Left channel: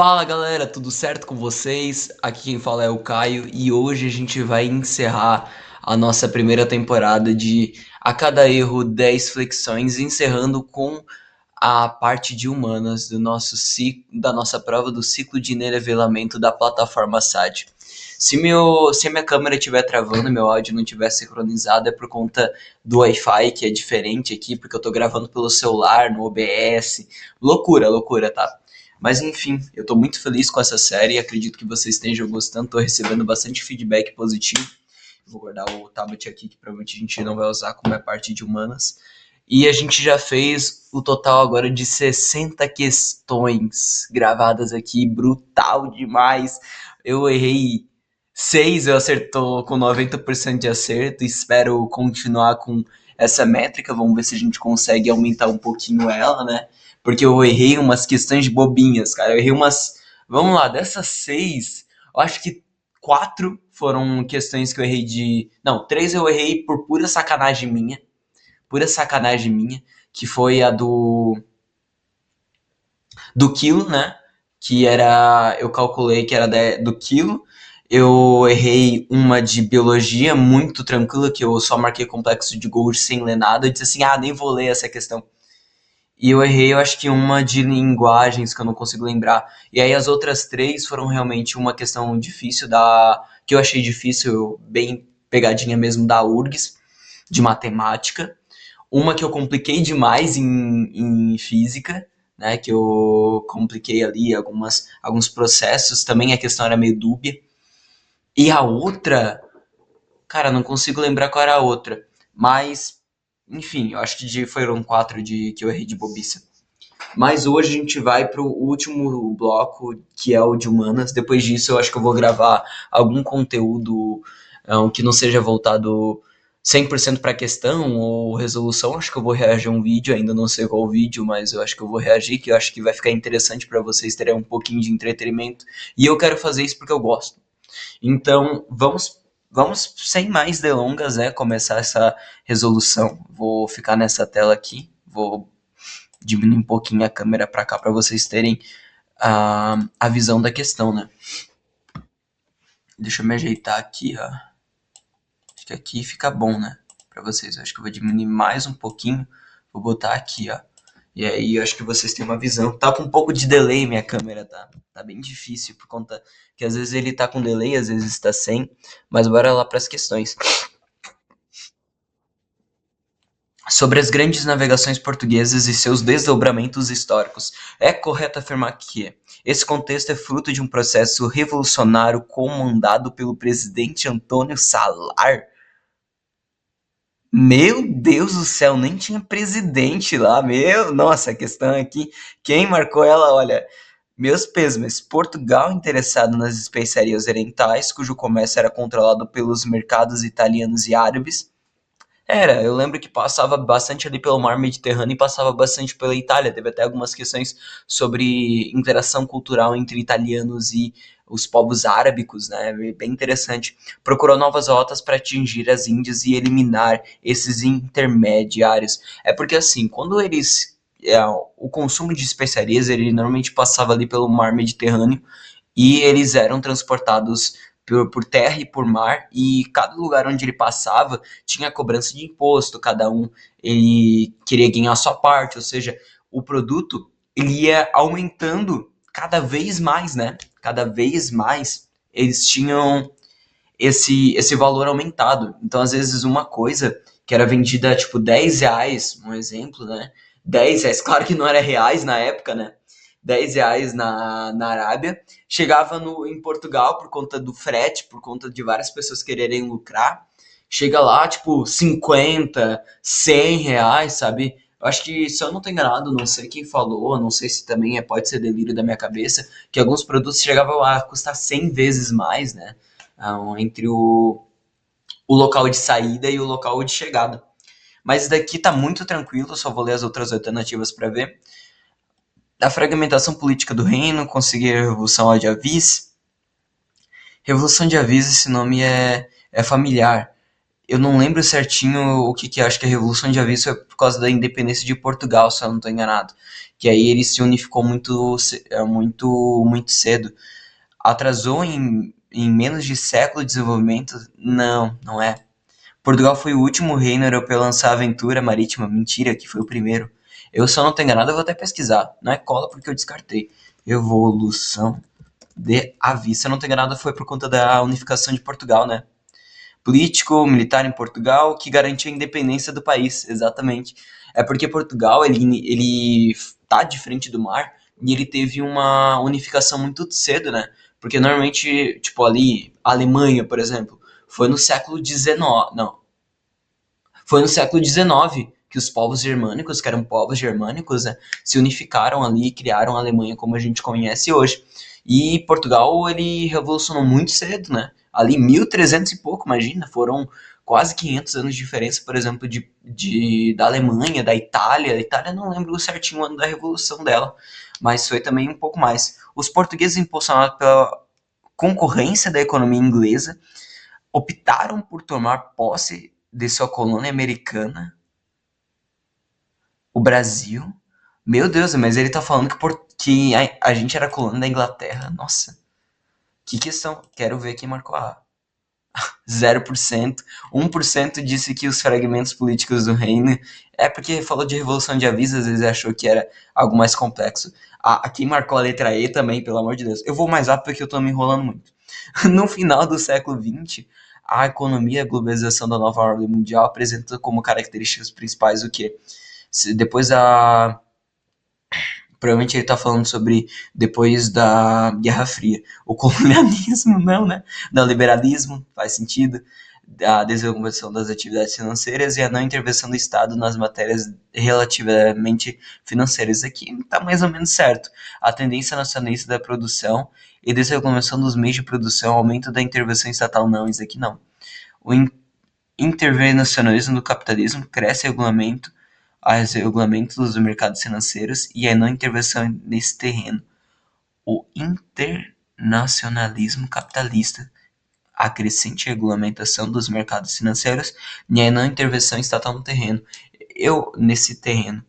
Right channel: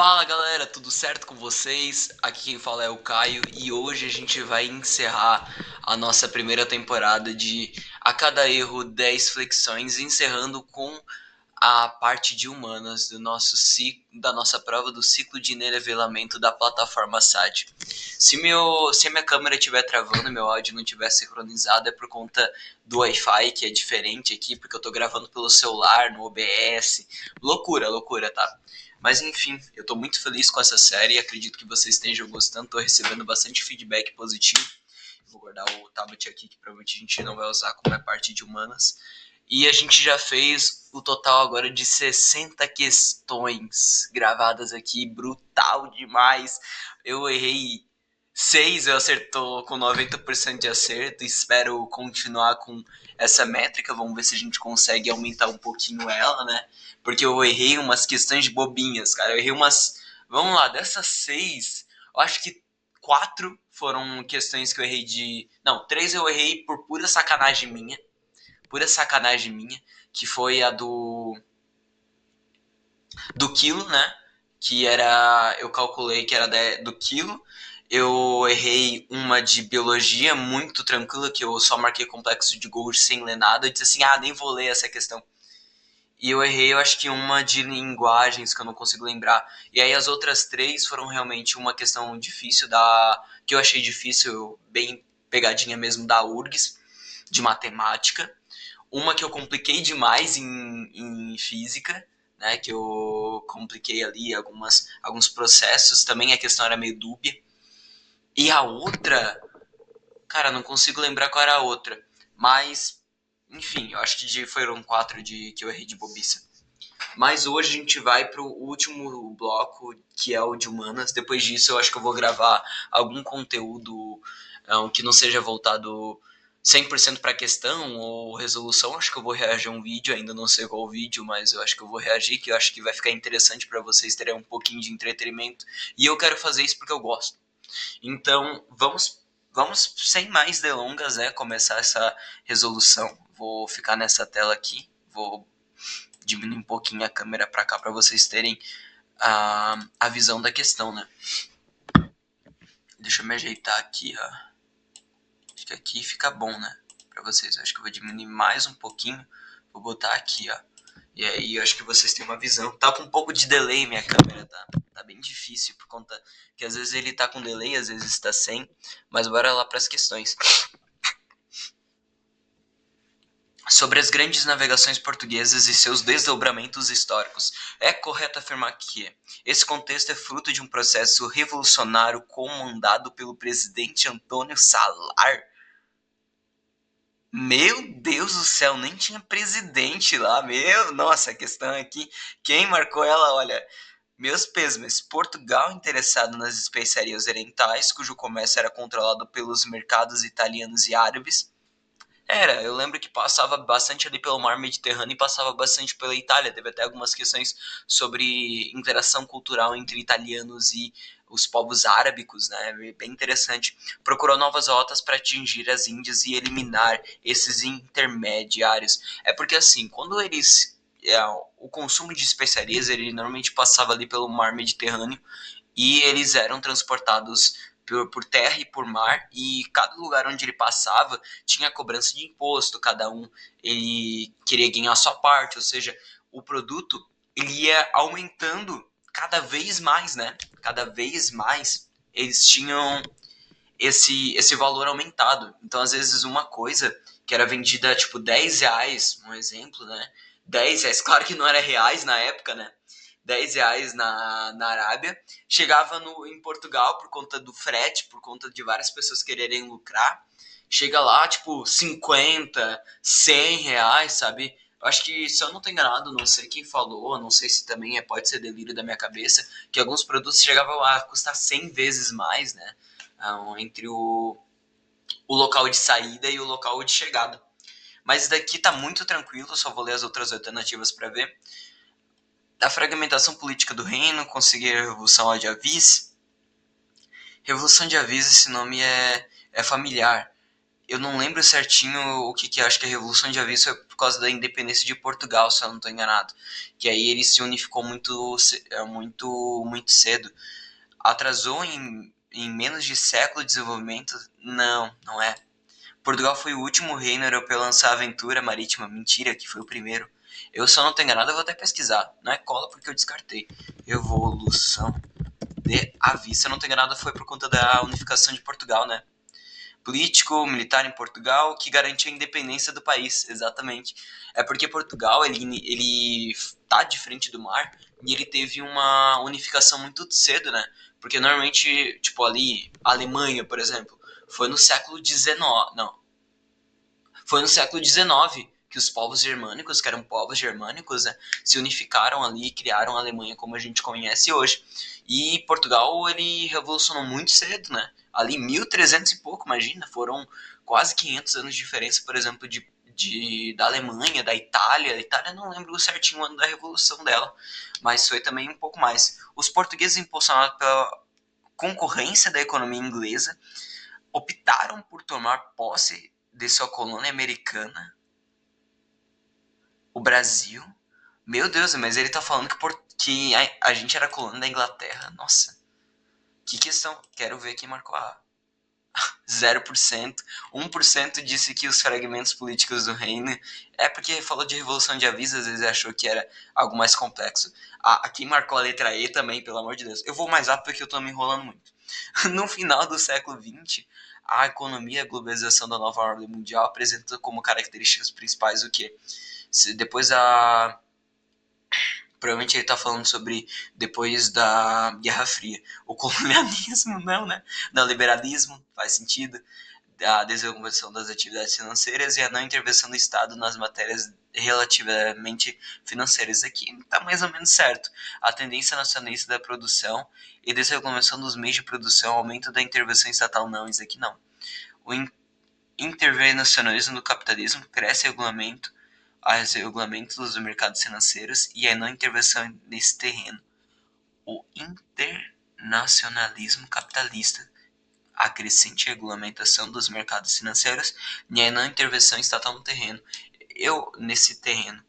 Fala galera, tudo certo com vocês? Aqui quem fala é o Caio e hoje a gente vai encerrar a nossa primeira temporada de A Cada Erro 10 Flexões, encerrando com a parte de humanas do nosso ciclo, da nossa prova do ciclo de nivelamento da plataforma SAT. Se a minha câmera estiver travando, meu áudio não estiver sincronizado, é por conta do Wi-Fi, que é diferente aqui, porque eu tô gravando pelo celular, no OBS. Loucura, loucura, tá? Mas enfim, eu tô muito feliz com essa série e acredito que vocês estejam gostando. Tô recebendo bastante feedback positivo. Vou guardar o tablet aqui, que provavelmente a gente não vai usar como é parte de humanas. E a gente já fez o total agora de 60 questões gravadas aqui, brutal demais. Eu errei 6, eu acertou com 90% de acerto. Espero continuar com essa métrica. Vamos ver se a gente consegue aumentar um pouquinho ela, né? Porque eu errei umas questões de bobinhas, cara. Eu errei umas. Vamos lá, dessas 6, eu acho que 4 foram questões que eu errei de. Não, 3 eu errei por pura sacanagem minha. Pura sacanagem minha. Que foi a do quilo, né? Que era. Eu calculei que era do quilo. Eu errei uma de biologia muito tranquila, que eu só marquei complexo de Golgi sem ler nada. Eu disse assim: ah, nem vou ler essa questão. E eu errei, eu acho que uma de linguagens que eu não consigo lembrar. E aí as outras três foram realmente uma questão difícil da. Que eu achei difícil, bem pegadinha mesmo da URGS, de matemática. Uma que eu compliquei demais em física, né? Que eu compliquei ali alguns processos. Também a questão era meio dúbia. E a outra, cara, não consigo lembrar qual era a outra. Mas, enfim, eu acho que foram quatro que eu errei de bobiça. Mas hoje a gente vai para o último bloco, que é o de humanas. Depois disso, eu acho que eu vou gravar algum conteúdo que não seja voltado 100% para questão ou resolução. Acho que eu vou reagir a um vídeo, ainda não sei qual vídeo, mas eu acho que eu vou reagir, que eu acho que vai ficar interessante para vocês terem um pouquinho de entretenimento. E eu quero fazer isso porque eu gosto. Então, vamos sem mais delongas, né, começar essa resolução. Vou ficar nessa tela aqui, vou diminuir um pouquinho a câmera para cá para vocês terem a visão da questão, né? Deixa eu me ajeitar aqui, ó. Acho que aqui fica bom, né? Para vocês. Eu acho que eu vou diminuir mais um pouquinho. Vou botar aqui, ó. E aí eu acho que vocês têm uma visão. Tá com um pouco de delay minha câmera, tá? Tá bem difícil por conta que às vezes ele tá com delay, às vezes está sem. Mas bora lá para as questões. Sobre as grandes navegações portuguesas e seus desdobramentos históricos, é correto afirmar que esse contexto é fruto de um processo revolucionário comandado pelo presidente Antônio Salar. Meu Deus do céu, nem tinha presidente lá, nossa, a questão aqui, quem marcou ela, olha, meus pêsames, Portugal interessado nas especiarias orientais, cujo comércio era controlado pelos mercados italianos e árabes. Eu lembro que passava bastante ali pelo mar Mediterrâneo e passava bastante pela Itália. Teve até algumas questões sobre interação cultural entre italianos e os povos árabicos, né? Bem interessante. Procurou novas rotas para atingir as Índias e eliminar esses intermediários. É porque assim, quando o consumo de especiarias, ele normalmente passava ali pelo mar Mediterrâneo e eles eram transportados por terra e por mar, e cada lugar onde ele passava tinha cobrança de imposto, cada um ele queria ganhar a sua parte, ou seja, o produto ele ia aumentando cada vez mais, né? Cada vez mais eles tinham esse valor aumentado. Então, às vezes, uma coisa que era vendida tipo R$ 10, um exemplo, né? R$ 10, claro que não era reais na época, né? R$ 10 na Arábia, chegava em Portugal por conta do frete, por conta de várias pessoas quererem lucrar, chega lá, tipo, 50, R$ 100, sabe? Eu acho que, se eu não tô enganado, não sei quem falou, não sei se também pode ser delírio da minha cabeça, que alguns produtos chegavam a custar 100 vezes mais, né? Entre o local de saída e o local de chegada. Mas daqui tá muito tranquilo, só vou ler as outras alternativas para ver. A fragmentação política do reino, conseguir a Revolução de Avis. Revolução de Avis, esse nome é familiar. Eu não lembro certinho o que que é, acho que a Revolução de Aviso é por causa da independência de Portugal, se eu não estou enganado. Que aí ele se unificou muito cedo. Atrasou em menos de século de desenvolvimento? Não, não é. Portugal foi o último reino europeu a lançar a aventura marítima. Mentira, que foi o primeiro. Eu só não tenho nada, eu vou até pesquisar. Não é cola porque eu descartei. Evolução de Aviso. Se eu não tenho nada, foi por conta da unificação de Portugal, né? Político, militar em Portugal, que garante a independência do país, exatamente. É porque Portugal, ele tá de frente do mar e ele teve uma unificação muito cedo, né? Porque normalmente, tipo ali, a Alemanha, por exemplo, foi no século XIX, não, foi no século XIX que os povos germânicos, que eram povos germânicos, né, se unificaram ali e criaram a Alemanha como a gente conhece hoje. E Portugal, ele revolucionou muito cedo, né? Ali 1300 e pouco, imagina, foram quase 500 anos de diferença, por exemplo, da Alemanha, da Itália. A Itália não lembro certinho o ano da revolução dela, mas foi também um pouco mais. Os portugueses, impulsionados pela concorrência da economia inglesa, optaram por tomar posse de sua colônia americana, o Brasil. Meu Deus, mas ele tá falando que a gente era colônia da Inglaterra. Nossa, que questão. Quero ver quem marcou a 0%. 1% disse que os fragmentos políticos do reino. É porque falou de Revolução de Aviso, às vezes achou que era algo mais complexo. Quem marcou a letra E também, pelo amor de Deus. Eu vou mais rápido porque eu tô me enrolando muito. No final do século XX, a economia e a globalização da nova ordem mundial apresentam como características principais o quê? Depois da. Provavelmente ele está falando sobre depois da Guerra Fria. O colonialismo, não, né? Não, liberalismo, faz sentido. A desregulação das atividades financeiras e a não intervenção do Estado nas matérias relativamente financeiras. Aqui está mais ou menos certo. A tendência nacionalista da produção e desregulação dos meios de produção, aumento da intervenção estatal, não, isso aqui não. O intervencionismo do capitalismo cresce regulamento aos regulamentos dos mercados financeiros e a não intervenção nesse terreno. O internacionalismo capitalista, a crescente regulamentação dos mercados financeiros e a não intervenção estatal no terreno. Nesse terreno,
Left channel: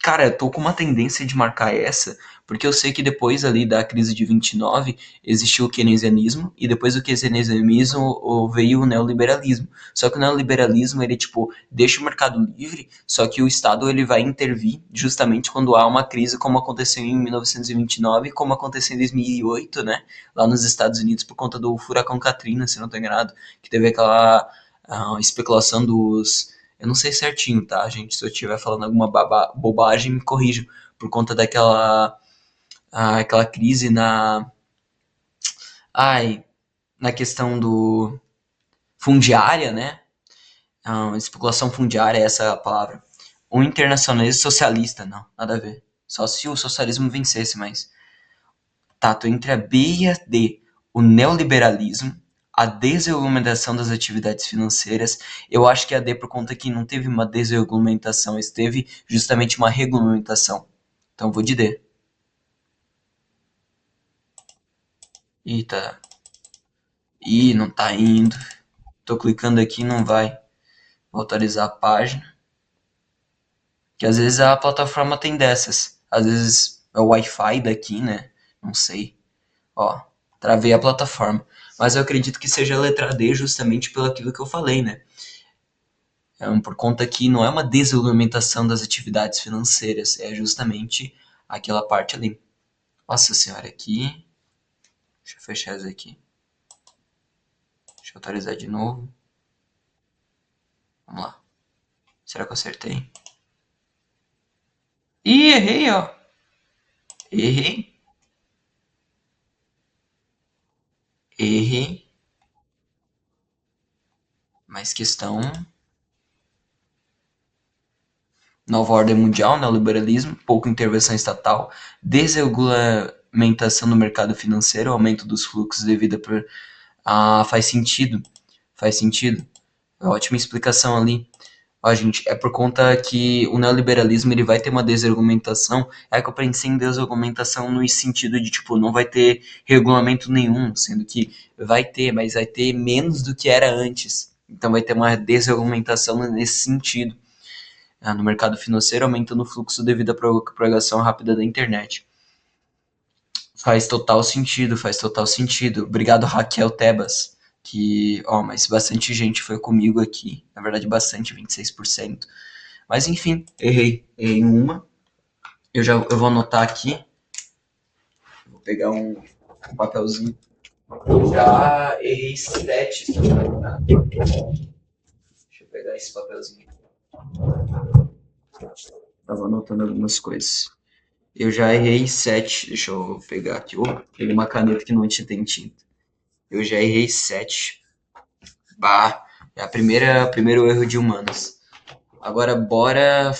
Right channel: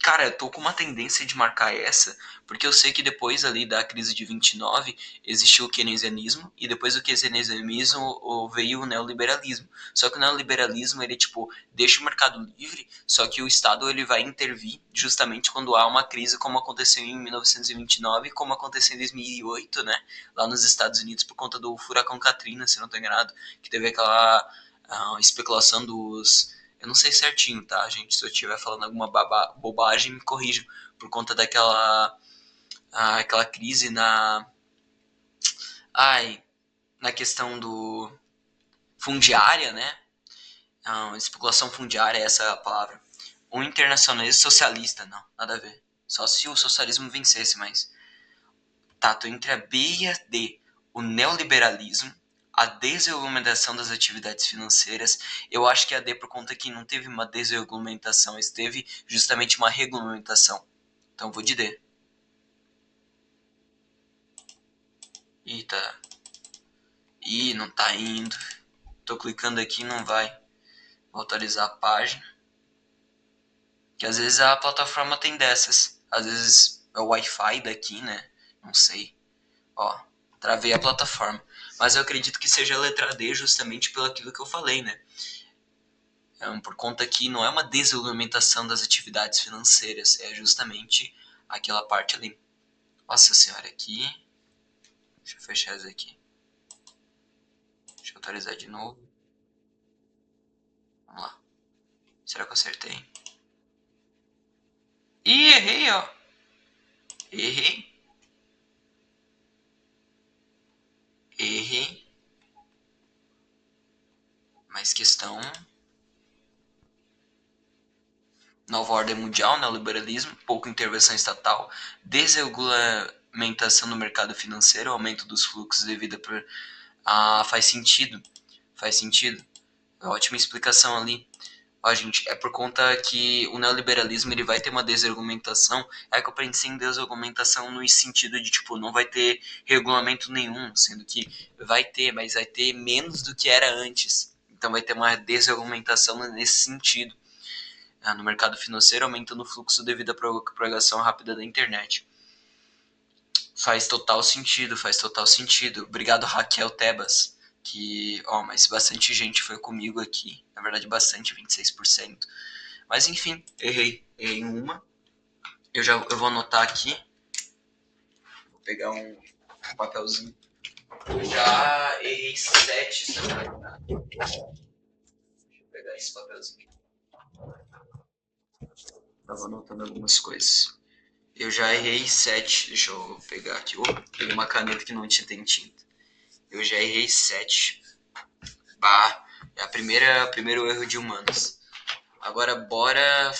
cara, eu tô com uma tendência de marcar essa, porque eu sei que depois ali da crise de 29 existiu o keynesianismo e depois do keynesianismo veio o neoliberalismo. Só que o neoliberalismo ele tipo deixa o mercado livre, só que o Estado ele vai intervir justamente quando há uma crise, como aconteceu em 1929 e como aconteceu em 2008, né, lá nos Estados Unidos por conta do furacão Katrina, se não estou enganado, que teve aquela especulação dos, eu não sei certinho, tá, gente? Se eu estiver falando alguma bobagem, me corrijam. Por conta aquela crise ai, na questão do fundiária, né? Especulação fundiária, essa é a palavra. O internacionalismo socialista, não, nada a ver. Só se o socialismo vencesse, mas tá, tô entre a B e a D. O neoliberalismo, a desregulamentação das atividades financeiras. Eu acho que a D por conta que não teve uma desregulamentação, teve justamente uma regulamentação. Então vou de D. Ih, tá. Ih, não tá indo. Tô clicando aqui e não vai. Vou autorizar a página. Que às vezes a plataforma tem dessas. Às vezes é o Wi-Fi daqui, né? Não sei. Ó, travei a plataforma. Mas eu acredito que seja a letra D justamente pelo aquilo que eu falei, né? Por conta que não é uma desregulamentação das atividades financeiras, é justamente aquela parte ali. Nossa senhora, aqui. Deixa eu fechar isso aqui. Deixa eu atualizar de novo. Vamos lá. Será que eu acertei? Ih, errei, ó. Errei. Errei. Mais questão. Nova ordem mundial, neoliberalismo, pouca intervenção estatal, desregulamentação do mercado financeiro, aumento dos fluxos devido por... faz sentido. Faz sentido. Ótima explicação ali. Ó, gente, é por conta que o neoliberalismo ele vai ter uma desregulamentação. É que eu pensei em desregulamentação no sentido de, tipo, não vai ter regulamento nenhum, sendo que vai ter, mas vai ter menos do que era antes. Então vai ter uma desregulamentação nesse sentido. No mercado financeiro, aumentando o fluxo devido à propagação rápida da internet. Faz total sentido, faz total sentido. Obrigado, Raquel Tebas, mas bastante gente foi comigo aqui. Na verdade, bastante, 26%. Mas enfim, errei em uma. Eu vou anotar aqui. Vou pegar um papelzinho. Já errei 7. Deixa eu pegar esse papelzinho. Tava anotando algumas coisas. Eu já errei 7. Deixa eu pegar aqui. Peguei uma caneta que não tem tinta. Eu já errei 7. Bah, é o primeiro erro de humanos. Agora bora.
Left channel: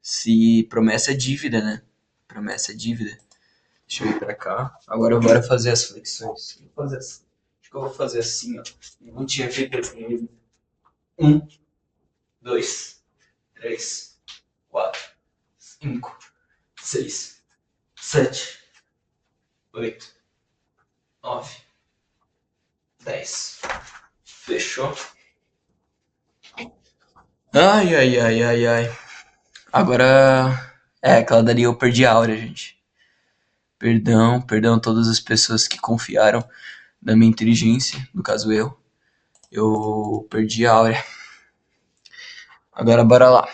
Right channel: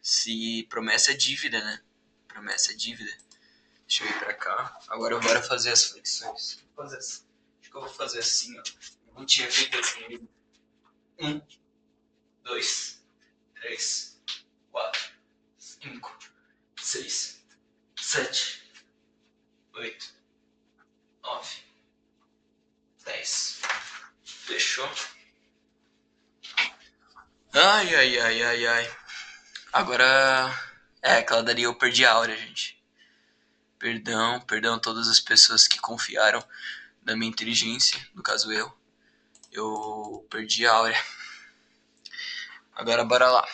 Se promessa é dívida, né? Promessa é dívida. Deixa eu ir pra cá. Agora bora fazer as flexões. Acho que eu vou fazer assim, ó. Não tinha feito assim. 1, 2, 3, 4, 5, 6, 7, 8, 9, 10. Fechou? Ai. Agora. Aquela dali eu perdi a aura, gente. Perdão a todas as pessoas que confiaram na minha inteligência, no caso eu. Eu perdi a aura. Agora bora lá.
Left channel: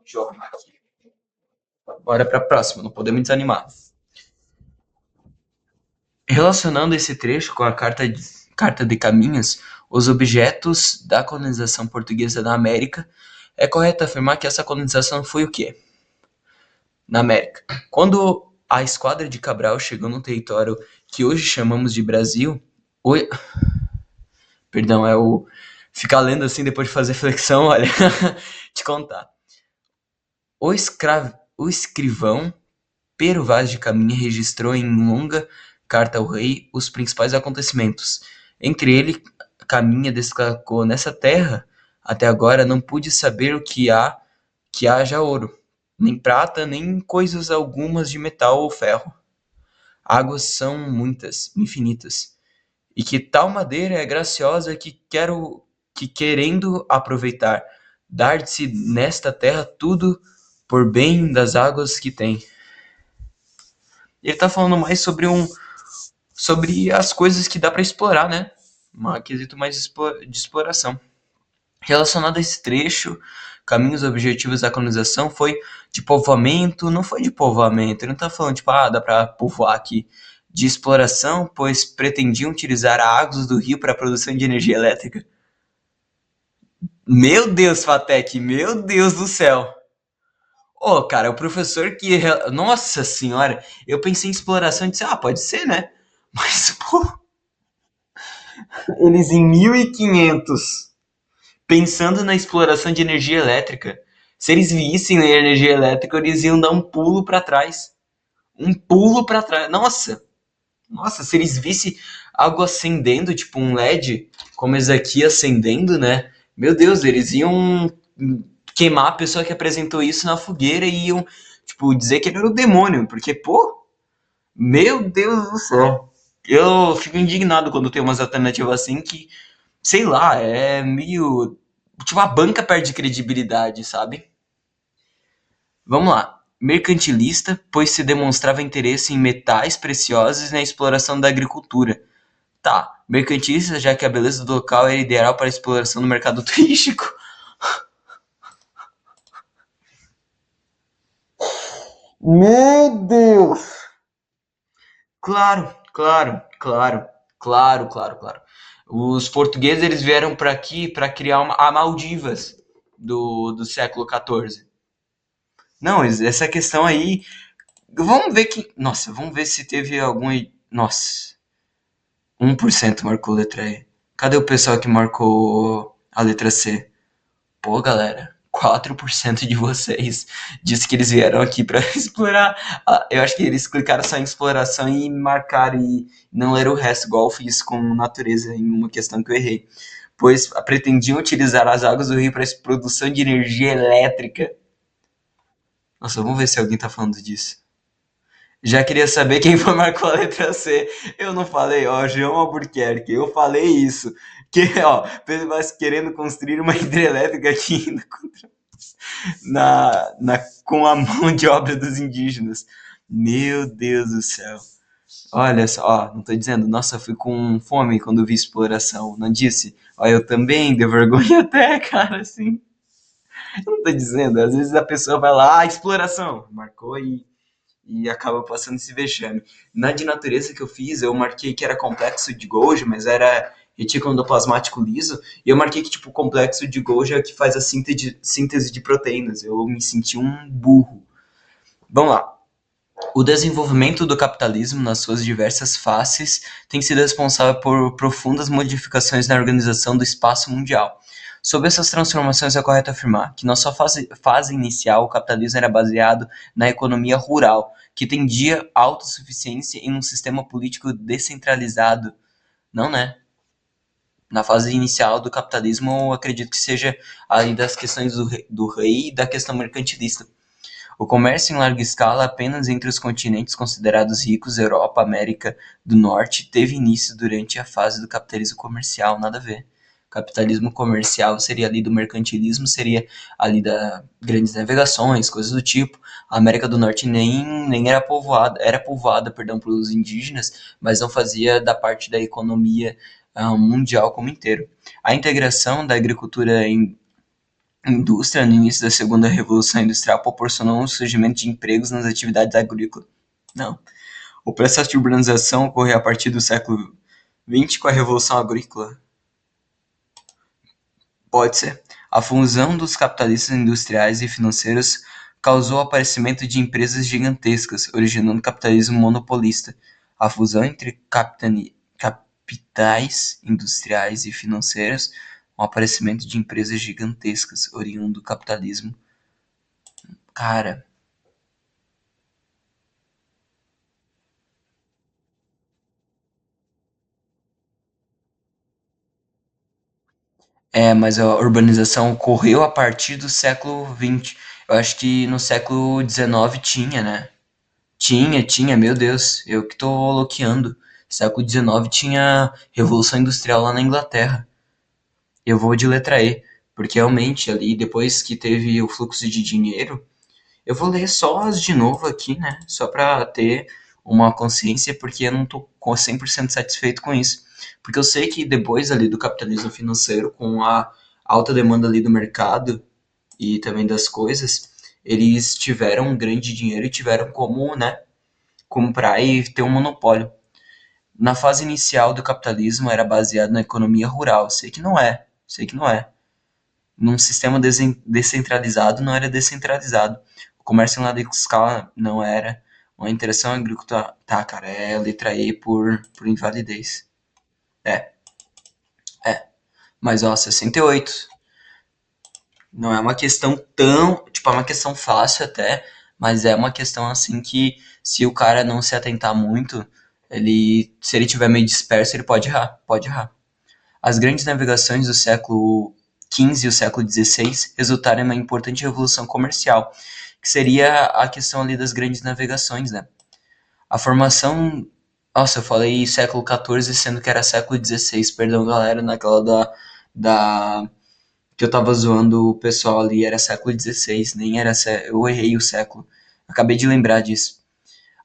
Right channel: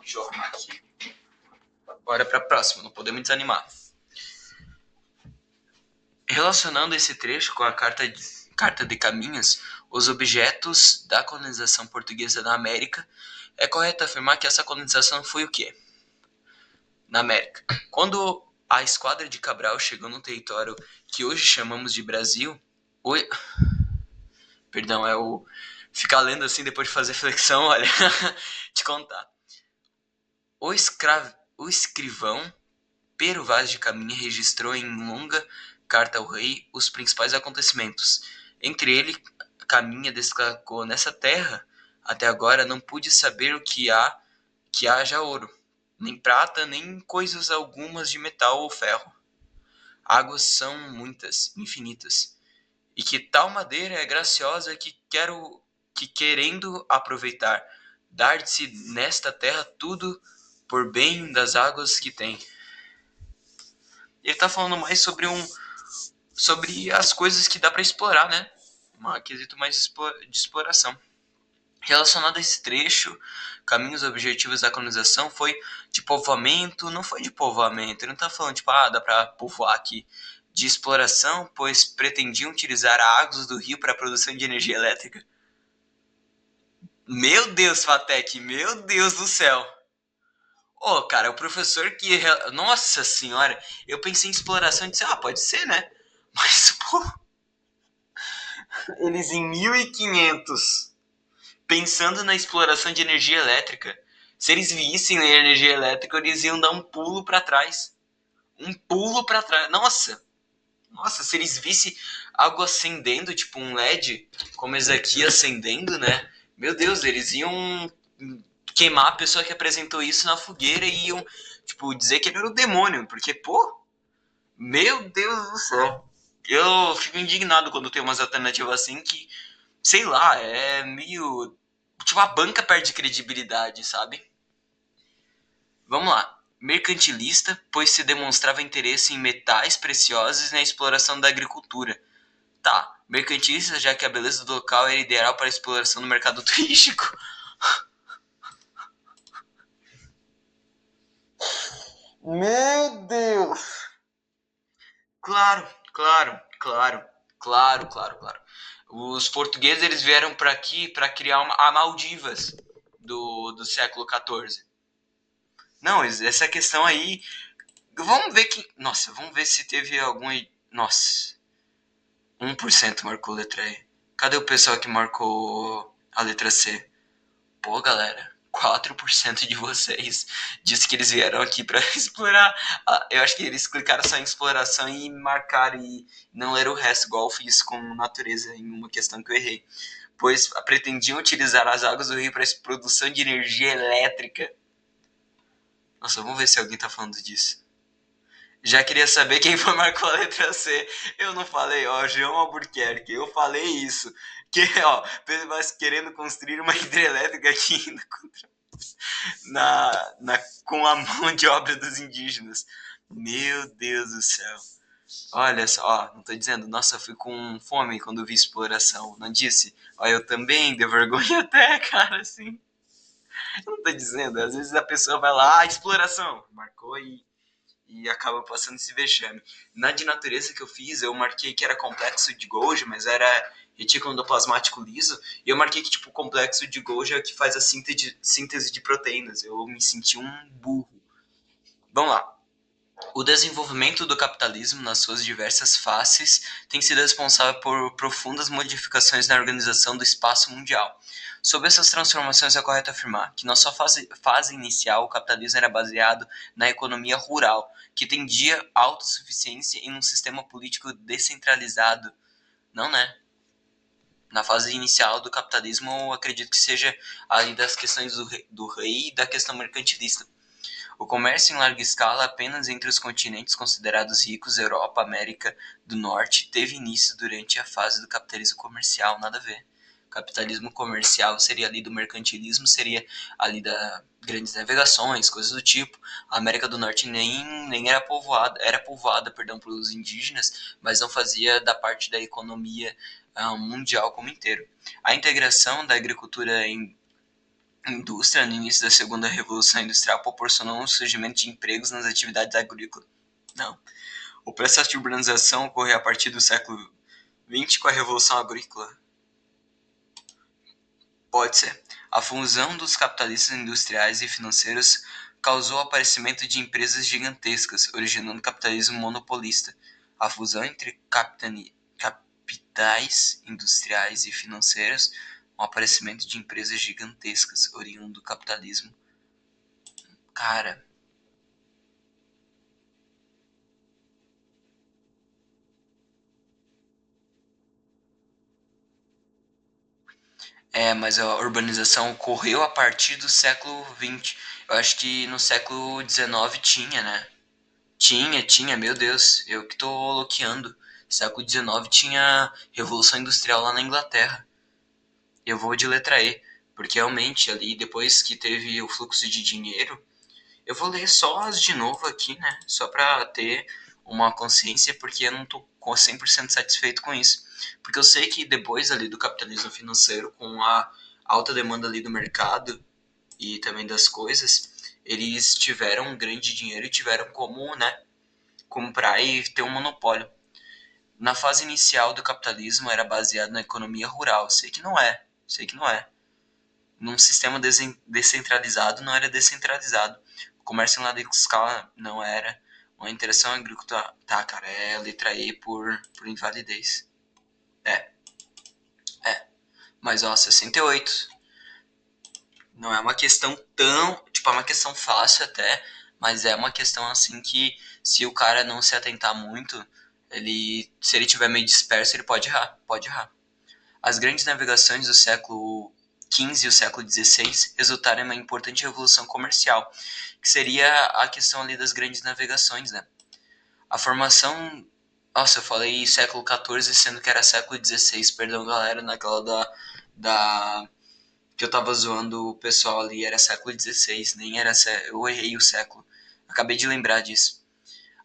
Deixa eu arrumar aqui. Bora pra próxima, não podemos desanimar. Relacionando esse trecho com a Carta de Caminhos, os objetos da colonização portuguesa na América, é correto afirmar que essa colonização foi o quê? Na América. Quando a esquadra de Cabral chegou no território que hoje chamamos de Brasil, Perdão, é o ficar lendo assim depois de fazer flexão, olha, te contar. O escrivão Pero Vaz de Caminha registrou em longa carta ao rei os principais acontecimentos. Entre ele, Caminha destacou: nessa terra, até agora não pude saber o que haja ouro, nem prata, nem coisas algumas de metal ou ferro. Águas são muitas, infinitas, e que tal madeira é graciosa que querendo aproveitar, dar-se nesta terra tudo por bem das águas que tem. Ele tá falando mais sobre as coisas que dá para explorar, né? Um quesito mais de exploração. Relacionado a esse trecho, caminhos objetivos da colonização foi de povoamento, não foi de povoamento, ele não tá falando tipo, dá para povoar aqui, de exploração, pois pretendiam utilizar águas do rio para a produção de energia elétrica. Meu Deus, Fatec, meu Deus do céu. Cara, o professor que... Nossa senhora, eu pensei em exploração e disse, pode ser, né? Mas, pô... Eles em 1500, pensando na exploração de energia elétrica. Se eles vissem a energia elétrica, eles iam dar um pulo para trás. Um pulo para trás. Nossa, se eles vissem algo acendendo, tipo um LED, como esse aqui acendendo, né? Meu Deus, eles iam queimar a pessoa que apresentou isso na fogueira e iam, tipo, dizer que ele era o demônio. Porque, pô, meu Deus do céu. Eu fico indignado quando tem umas alternativas assim que, sei lá, é meio... Tipo, a banca perde credibilidade, sabe? Vamos lá. Mercantilista, pois se demonstrava interesse em metais preciosos e na exploração da agricultura. Tá, mercantilista, já que a beleza do local era ideal para a exploração do mercado turístico. Meu Deus! Claro. Os portugueses eles vieram para aqui para criar a Maldivas do século XIV. Não, essa questão aí. Vamos ver que. Nossa, vamos ver se teve algum. Nossa. 1% marcou letra E. Cadê o pessoal que marcou a letra C? Pô, galera, 4% de vocês disse que eles vieram aqui para explorar. Eu acho que eles clicaram só em exploração e marcaram e não leram o resto, igual eu fiz com natureza em uma questão que eu errei. Pois pretendiam utilizar as águas do rio para a produção de energia elétrica. Nossa, vamos ver se alguém tá falando disso. Já queria saber quem foi marcou a letra C. Eu não falei, ó, João Albuquerque. Eu falei isso. Que, ó, mas querendo construir uma hidrelétrica aqui com a mão de obra dos indígenas. Meu Deus do céu. Olha só, ó, não tô dizendo, nossa, eu fui com fome quando vi exploração. Não disse? Ó, eu também, deu vergonha até, cara, assim. Eu não tô dizendo, às vezes a pessoa vai lá, exploração, marcou e acaba passando esse vexame. Na de natureza que eu fiz, eu marquei que era complexo de Golgi, mas era retículo endoplasmático liso, e eu marquei que, tipo, o complexo de Golgi é o que faz a síntese de proteínas. Eu me senti um burro. Vamos lá. O desenvolvimento do capitalismo nas suas diversas faces tem sido responsável por profundas modificações na organização do espaço mundial. Sobre essas transformações, é correto afirmar que na sua fase inicial, o capitalismo era baseado na economia rural, que tendia à autossuficiência em um sistema político descentralizado. Não, né? Na fase inicial do capitalismo, eu acredito que seja ali das questões do rei e da questão mercantilista. O comércio em larga escala apenas entre os continentes considerados ricos, Europa, América do Norte, teve início durante a fase do capitalismo comercial, nada a ver. Capitalismo comercial seria ali do mercantilismo, seria ali da grandes navegações, coisas do tipo. A América do Norte nem era povoada, perdão, pelos indígenas, mas não fazia da parte da economia mundial como inteiro. A integração da agricultura em indústria no início da segunda revolução industrial proporcionou um surgimento de empregos nas atividades agrícolas. Não. O processo de urbanização ocorreu a partir do século XX com a revolução agrícola. Pode ser. A fusão dos capitalistas industriais e financeiros causou o aparecimento de empresas gigantescas, originando o capitalismo monopolista. A fusão entre capitais industriais e financeiros, o aparecimento de empresas gigantescas, oriundo do capitalismo. Cara, mas a urbanização ocorreu a partir do século XX. Eu acho que no século XIX tinha, né? Tinha, meu Deus, eu que tô loqueando. Século XIX tinha Revolução Industrial lá na Inglaterra. Eu vou de letra E, porque realmente ali, depois que teve o fluxo de dinheiro, eu vou ler só as de novo aqui, né? Só pra ter uma consciência, porque eu não tô 100% satisfeito com isso. Porque eu sei que depois ali do capitalismo financeiro, com a alta demanda ali do mercado e também das coisas, eles tiveram um grande dinheiro e tiveram como, né, comprar e ter um monopólio. Na fase inicial do capitalismo era baseado na economia rural. Sei que não é. Num sistema descentralizado não era descentralizado. O comércio em larga escala não era. Uma interação agrícola. Tá, cara, é letra E por invalidez. É, é. Mas ó, 68. Não é uma questão tão. Tipo, é uma questão fácil até, mas é uma questão assim que se o cara não se atentar muito, se ele tiver meio disperso, ele pode errar. Pode errar. As grandes navegações do século XV e o século XVI resultaram em uma importante revolução comercial, que seria a questão ali das grandes navegações, né? A formação. Nossa, eu falei século XIV, sendo que era século XVI, perdão, galera, naquela da que eu tava zoando o pessoal ali, era século XVI, nem era. Eu errei o século. Acabei de lembrar disso.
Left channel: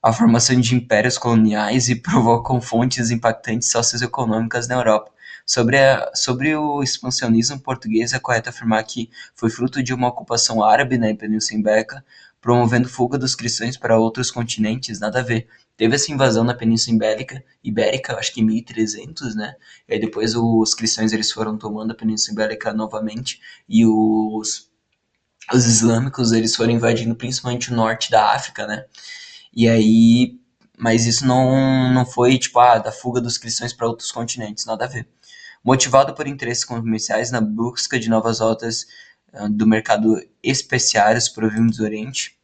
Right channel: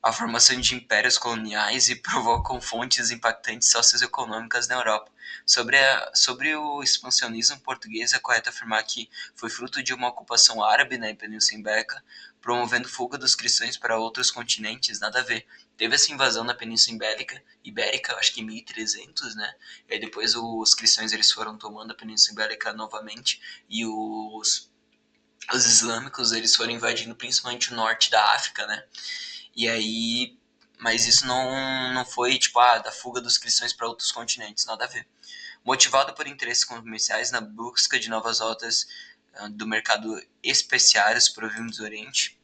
A formação de impérios coloniais e provocam fontes impactantes socioeconômicas na Europa. Sobre o expansionismo português, é correto afirmar que foi fruto de uma ocupação árabe na Península Ibérica, promovendo fuga dos cristãos para outros continentes, nada a ver. Teve essa invasão na Península Ibérica, acho que em 1300, né? E aí depois os cristãos eles foram tomando a Península Ibérica novamente e os islâmicos eles foram invadindo principalmente o norte da África, né? E aí, mas isso não foi tipo da fuga dos cristãos para outros continentes, nada a ver. Motivado por interesses comerciais na busca de novas rotas do mercado especiários provindos do Oriente,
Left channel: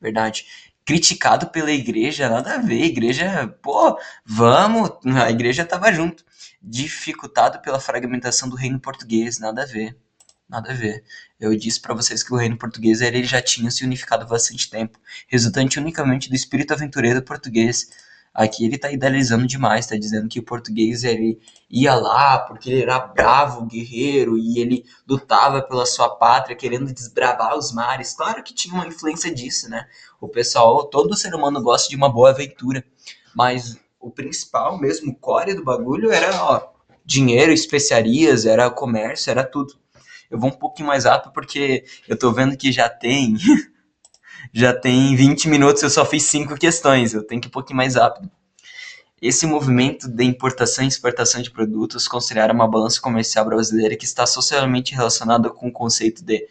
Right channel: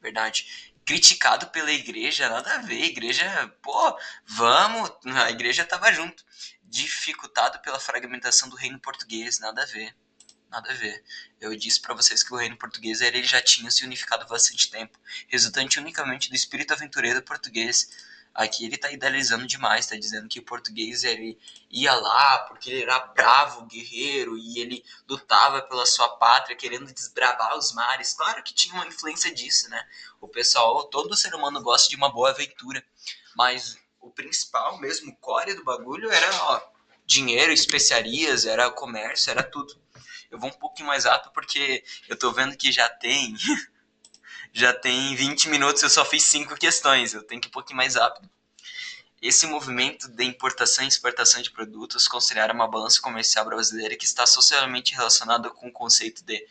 verdade. Criticado pela igreja, nada a ver. Igreja, pô, vamos, a igreja tava junto. Dificultado pela fragmentação do reino português, nada a ver. nada a ver. Eu disse para vocês que o reino português ele já tinha se unificado há bastante tempo, resultante unicamente do espírito aventureiro português. Aqui ele tá idealizando demais, tá dizendo que o português ele ia lá porque ele era bravo, guerreiro e ele lutava pela sua pátria, querendo desbravar os mares. Claro que tinha uma influência disso, né? O pessoal, todo ser humano gosta de uma boa aventura, mas o principal mesmo, o core do bagulho era, ó, dinheiro, especiarias, era comércio, era tudo. Eu vou um pouquinho mais rápido porque eu tô vendo que já tem 20 minutos, eu só fiz 5 questões, eu tenho que ir um pouquinho mais rápido. Esse movimento de importação e exportação de produtos considera uma balança comercial brasileira que está socialmente relacionada com o conceito de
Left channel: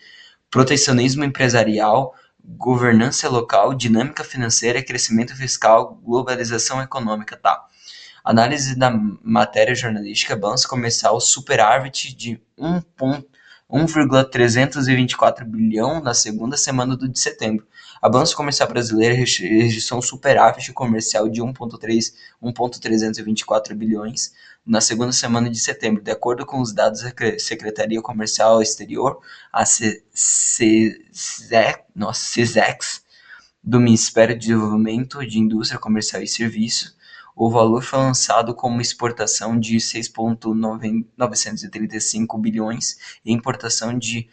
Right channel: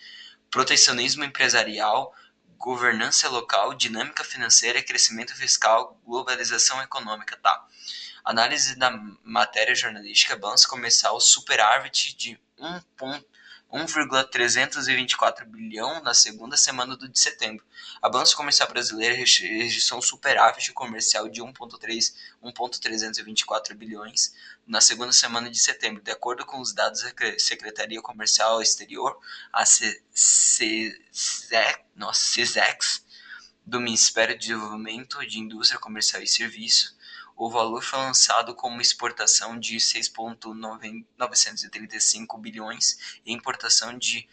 protecionismo empresarial, governança local, dinâmica financeira, crescimento fiscal, globalização econômica, tá? Análise da matéria jornalística, balanço comercial, superávit de 1,324 bilhão na segunda semana de setembro. A balança comercial brasileira registrou um superávit comercial de 1,324 bilhões na segunda semana de setembro, de acordo com os dados da Secretaria Comercial Exterior, a CESEX, do Ministério de Desenvolvimento de Indústria Comercial e Serviços. O valor foi lançado como exportação de 6,935 bilhões e importação de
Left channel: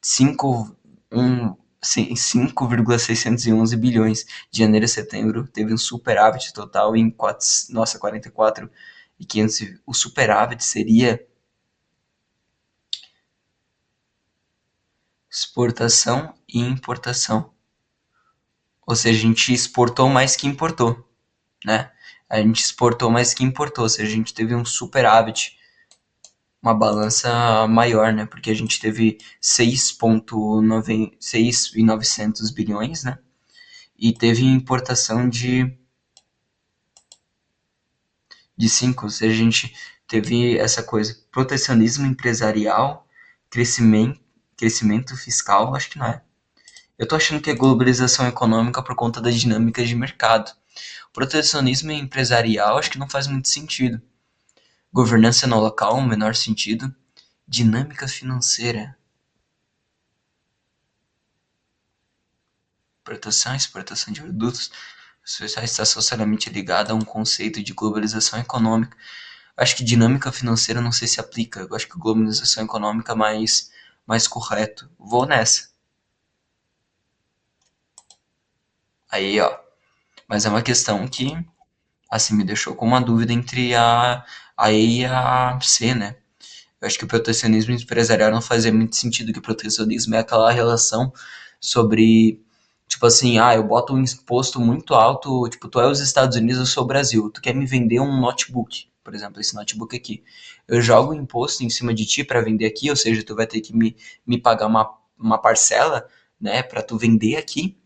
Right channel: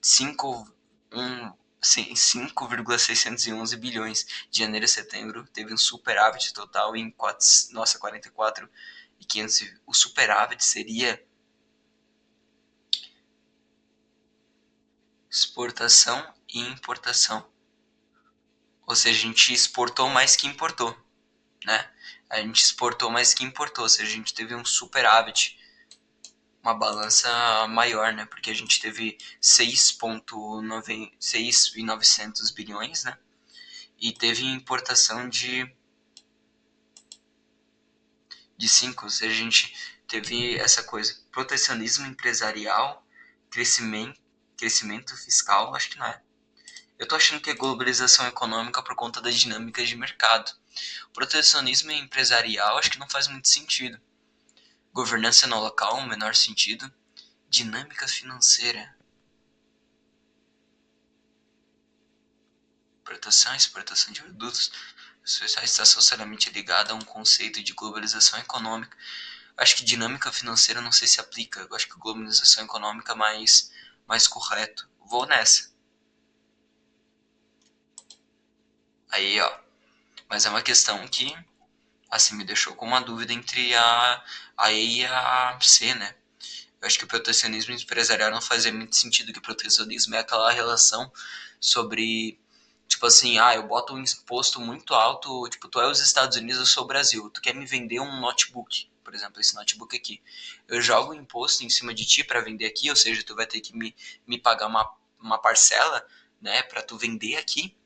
5,611 bilhões. De janeiro a setembro teve um superávit total em 44,500. O superávit seria exportação e importação. Ou seja, a gente exportou mais que importou, né? A gente exportou mais que importou, ou seja, a gente teve um superávit, uma balança maior, né? Porque a gente teve 6,900 bilhões, né? E teve importação de 5, ou seja, a gente teve essa coisa, protecionismo empresarial, crescimento fiscal, acho que não é. Eu tô achando que é globalização econômica por conta das dinâmicas de mercado. Protecionismo empresarial acho que não faz muito sentido. Governança no local, menor sentido. Dinâmica financeira. Importação e exportação de produtos sociais está socialmente ligada a um conceito de globalização econômica. Acho que dinâmica financeira não sei se aplica. Eu acho que globalização econômica é mais correto. Vou nessa. Aí, ó. Mas é uma questão que, assim, me deixou com uma dúvida entre a E e a C, né? Eu acho que o protecionismo empresarial não fazia muito sentido, que o protecionismo é aquela relação sobre, tipo assim, eu boto um imposto muito alto, tipo, tu é os Estados Unidos, eu sou o Brasil, tu quer me vender um notebook, por exemplo, esse notebook aqui. Eu jogo o imposto em cima de ti para vender aqui, ou seja, tu vai ter que me pagar uma parcela, né, para tu vender aqui,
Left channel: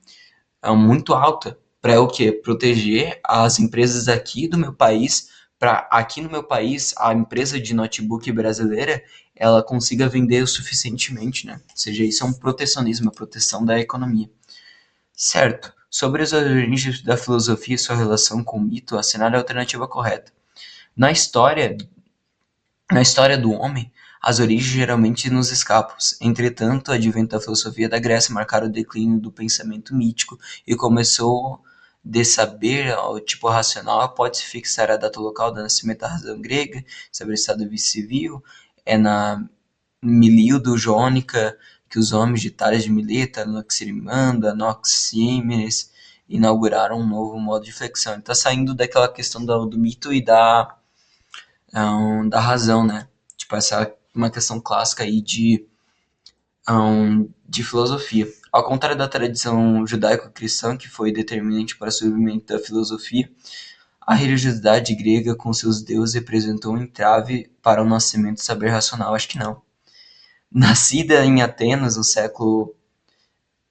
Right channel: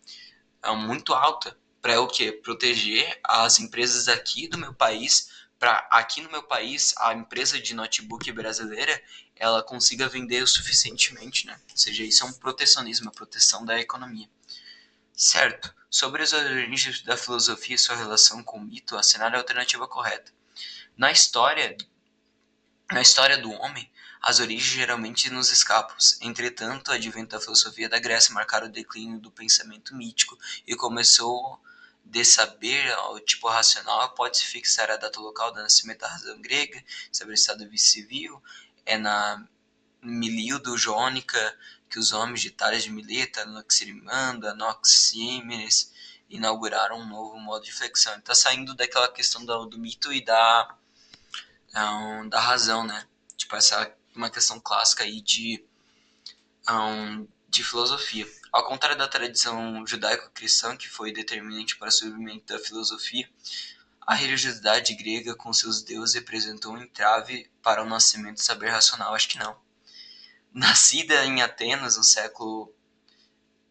muito alta, para o quê? Proteger as empresas aqui do meu país, para aqui no meu país a empresa de notebook brasileira ela consiga vender o suficientemente, né? Ou seja, isso é um protecionismo, a proteção da economia. Certo. Sobre as origens da filosofia e sua relação com o mito, assinar a alternativa correta. Na história, na história do homem, as origens geralmente nos escapam. Entretanto, o advento da filosofia da Grécia marcaram o declínio do pensamento mítico e começou de saber ao tipo racional, pode-se fixar a data local do nascimento da razão grega, saber o estado civil, é na Milildo Jônica que os homens de Tales de Mileto, Anaximandro, Anaxímenes inauguraram um novo modo de flexão. Ele está saindo daquela questão do mito e da razão, né? Tipo, essa é uma questão clássica aí de filosofia. Ao contrário da tradição judaico-cristã, que foi determinante para o surgimento da filosofia, a religiosidade grega com seus deuses representou um entrave para o nascimento do saber racional. Acho que não. Nascida em Atenas no século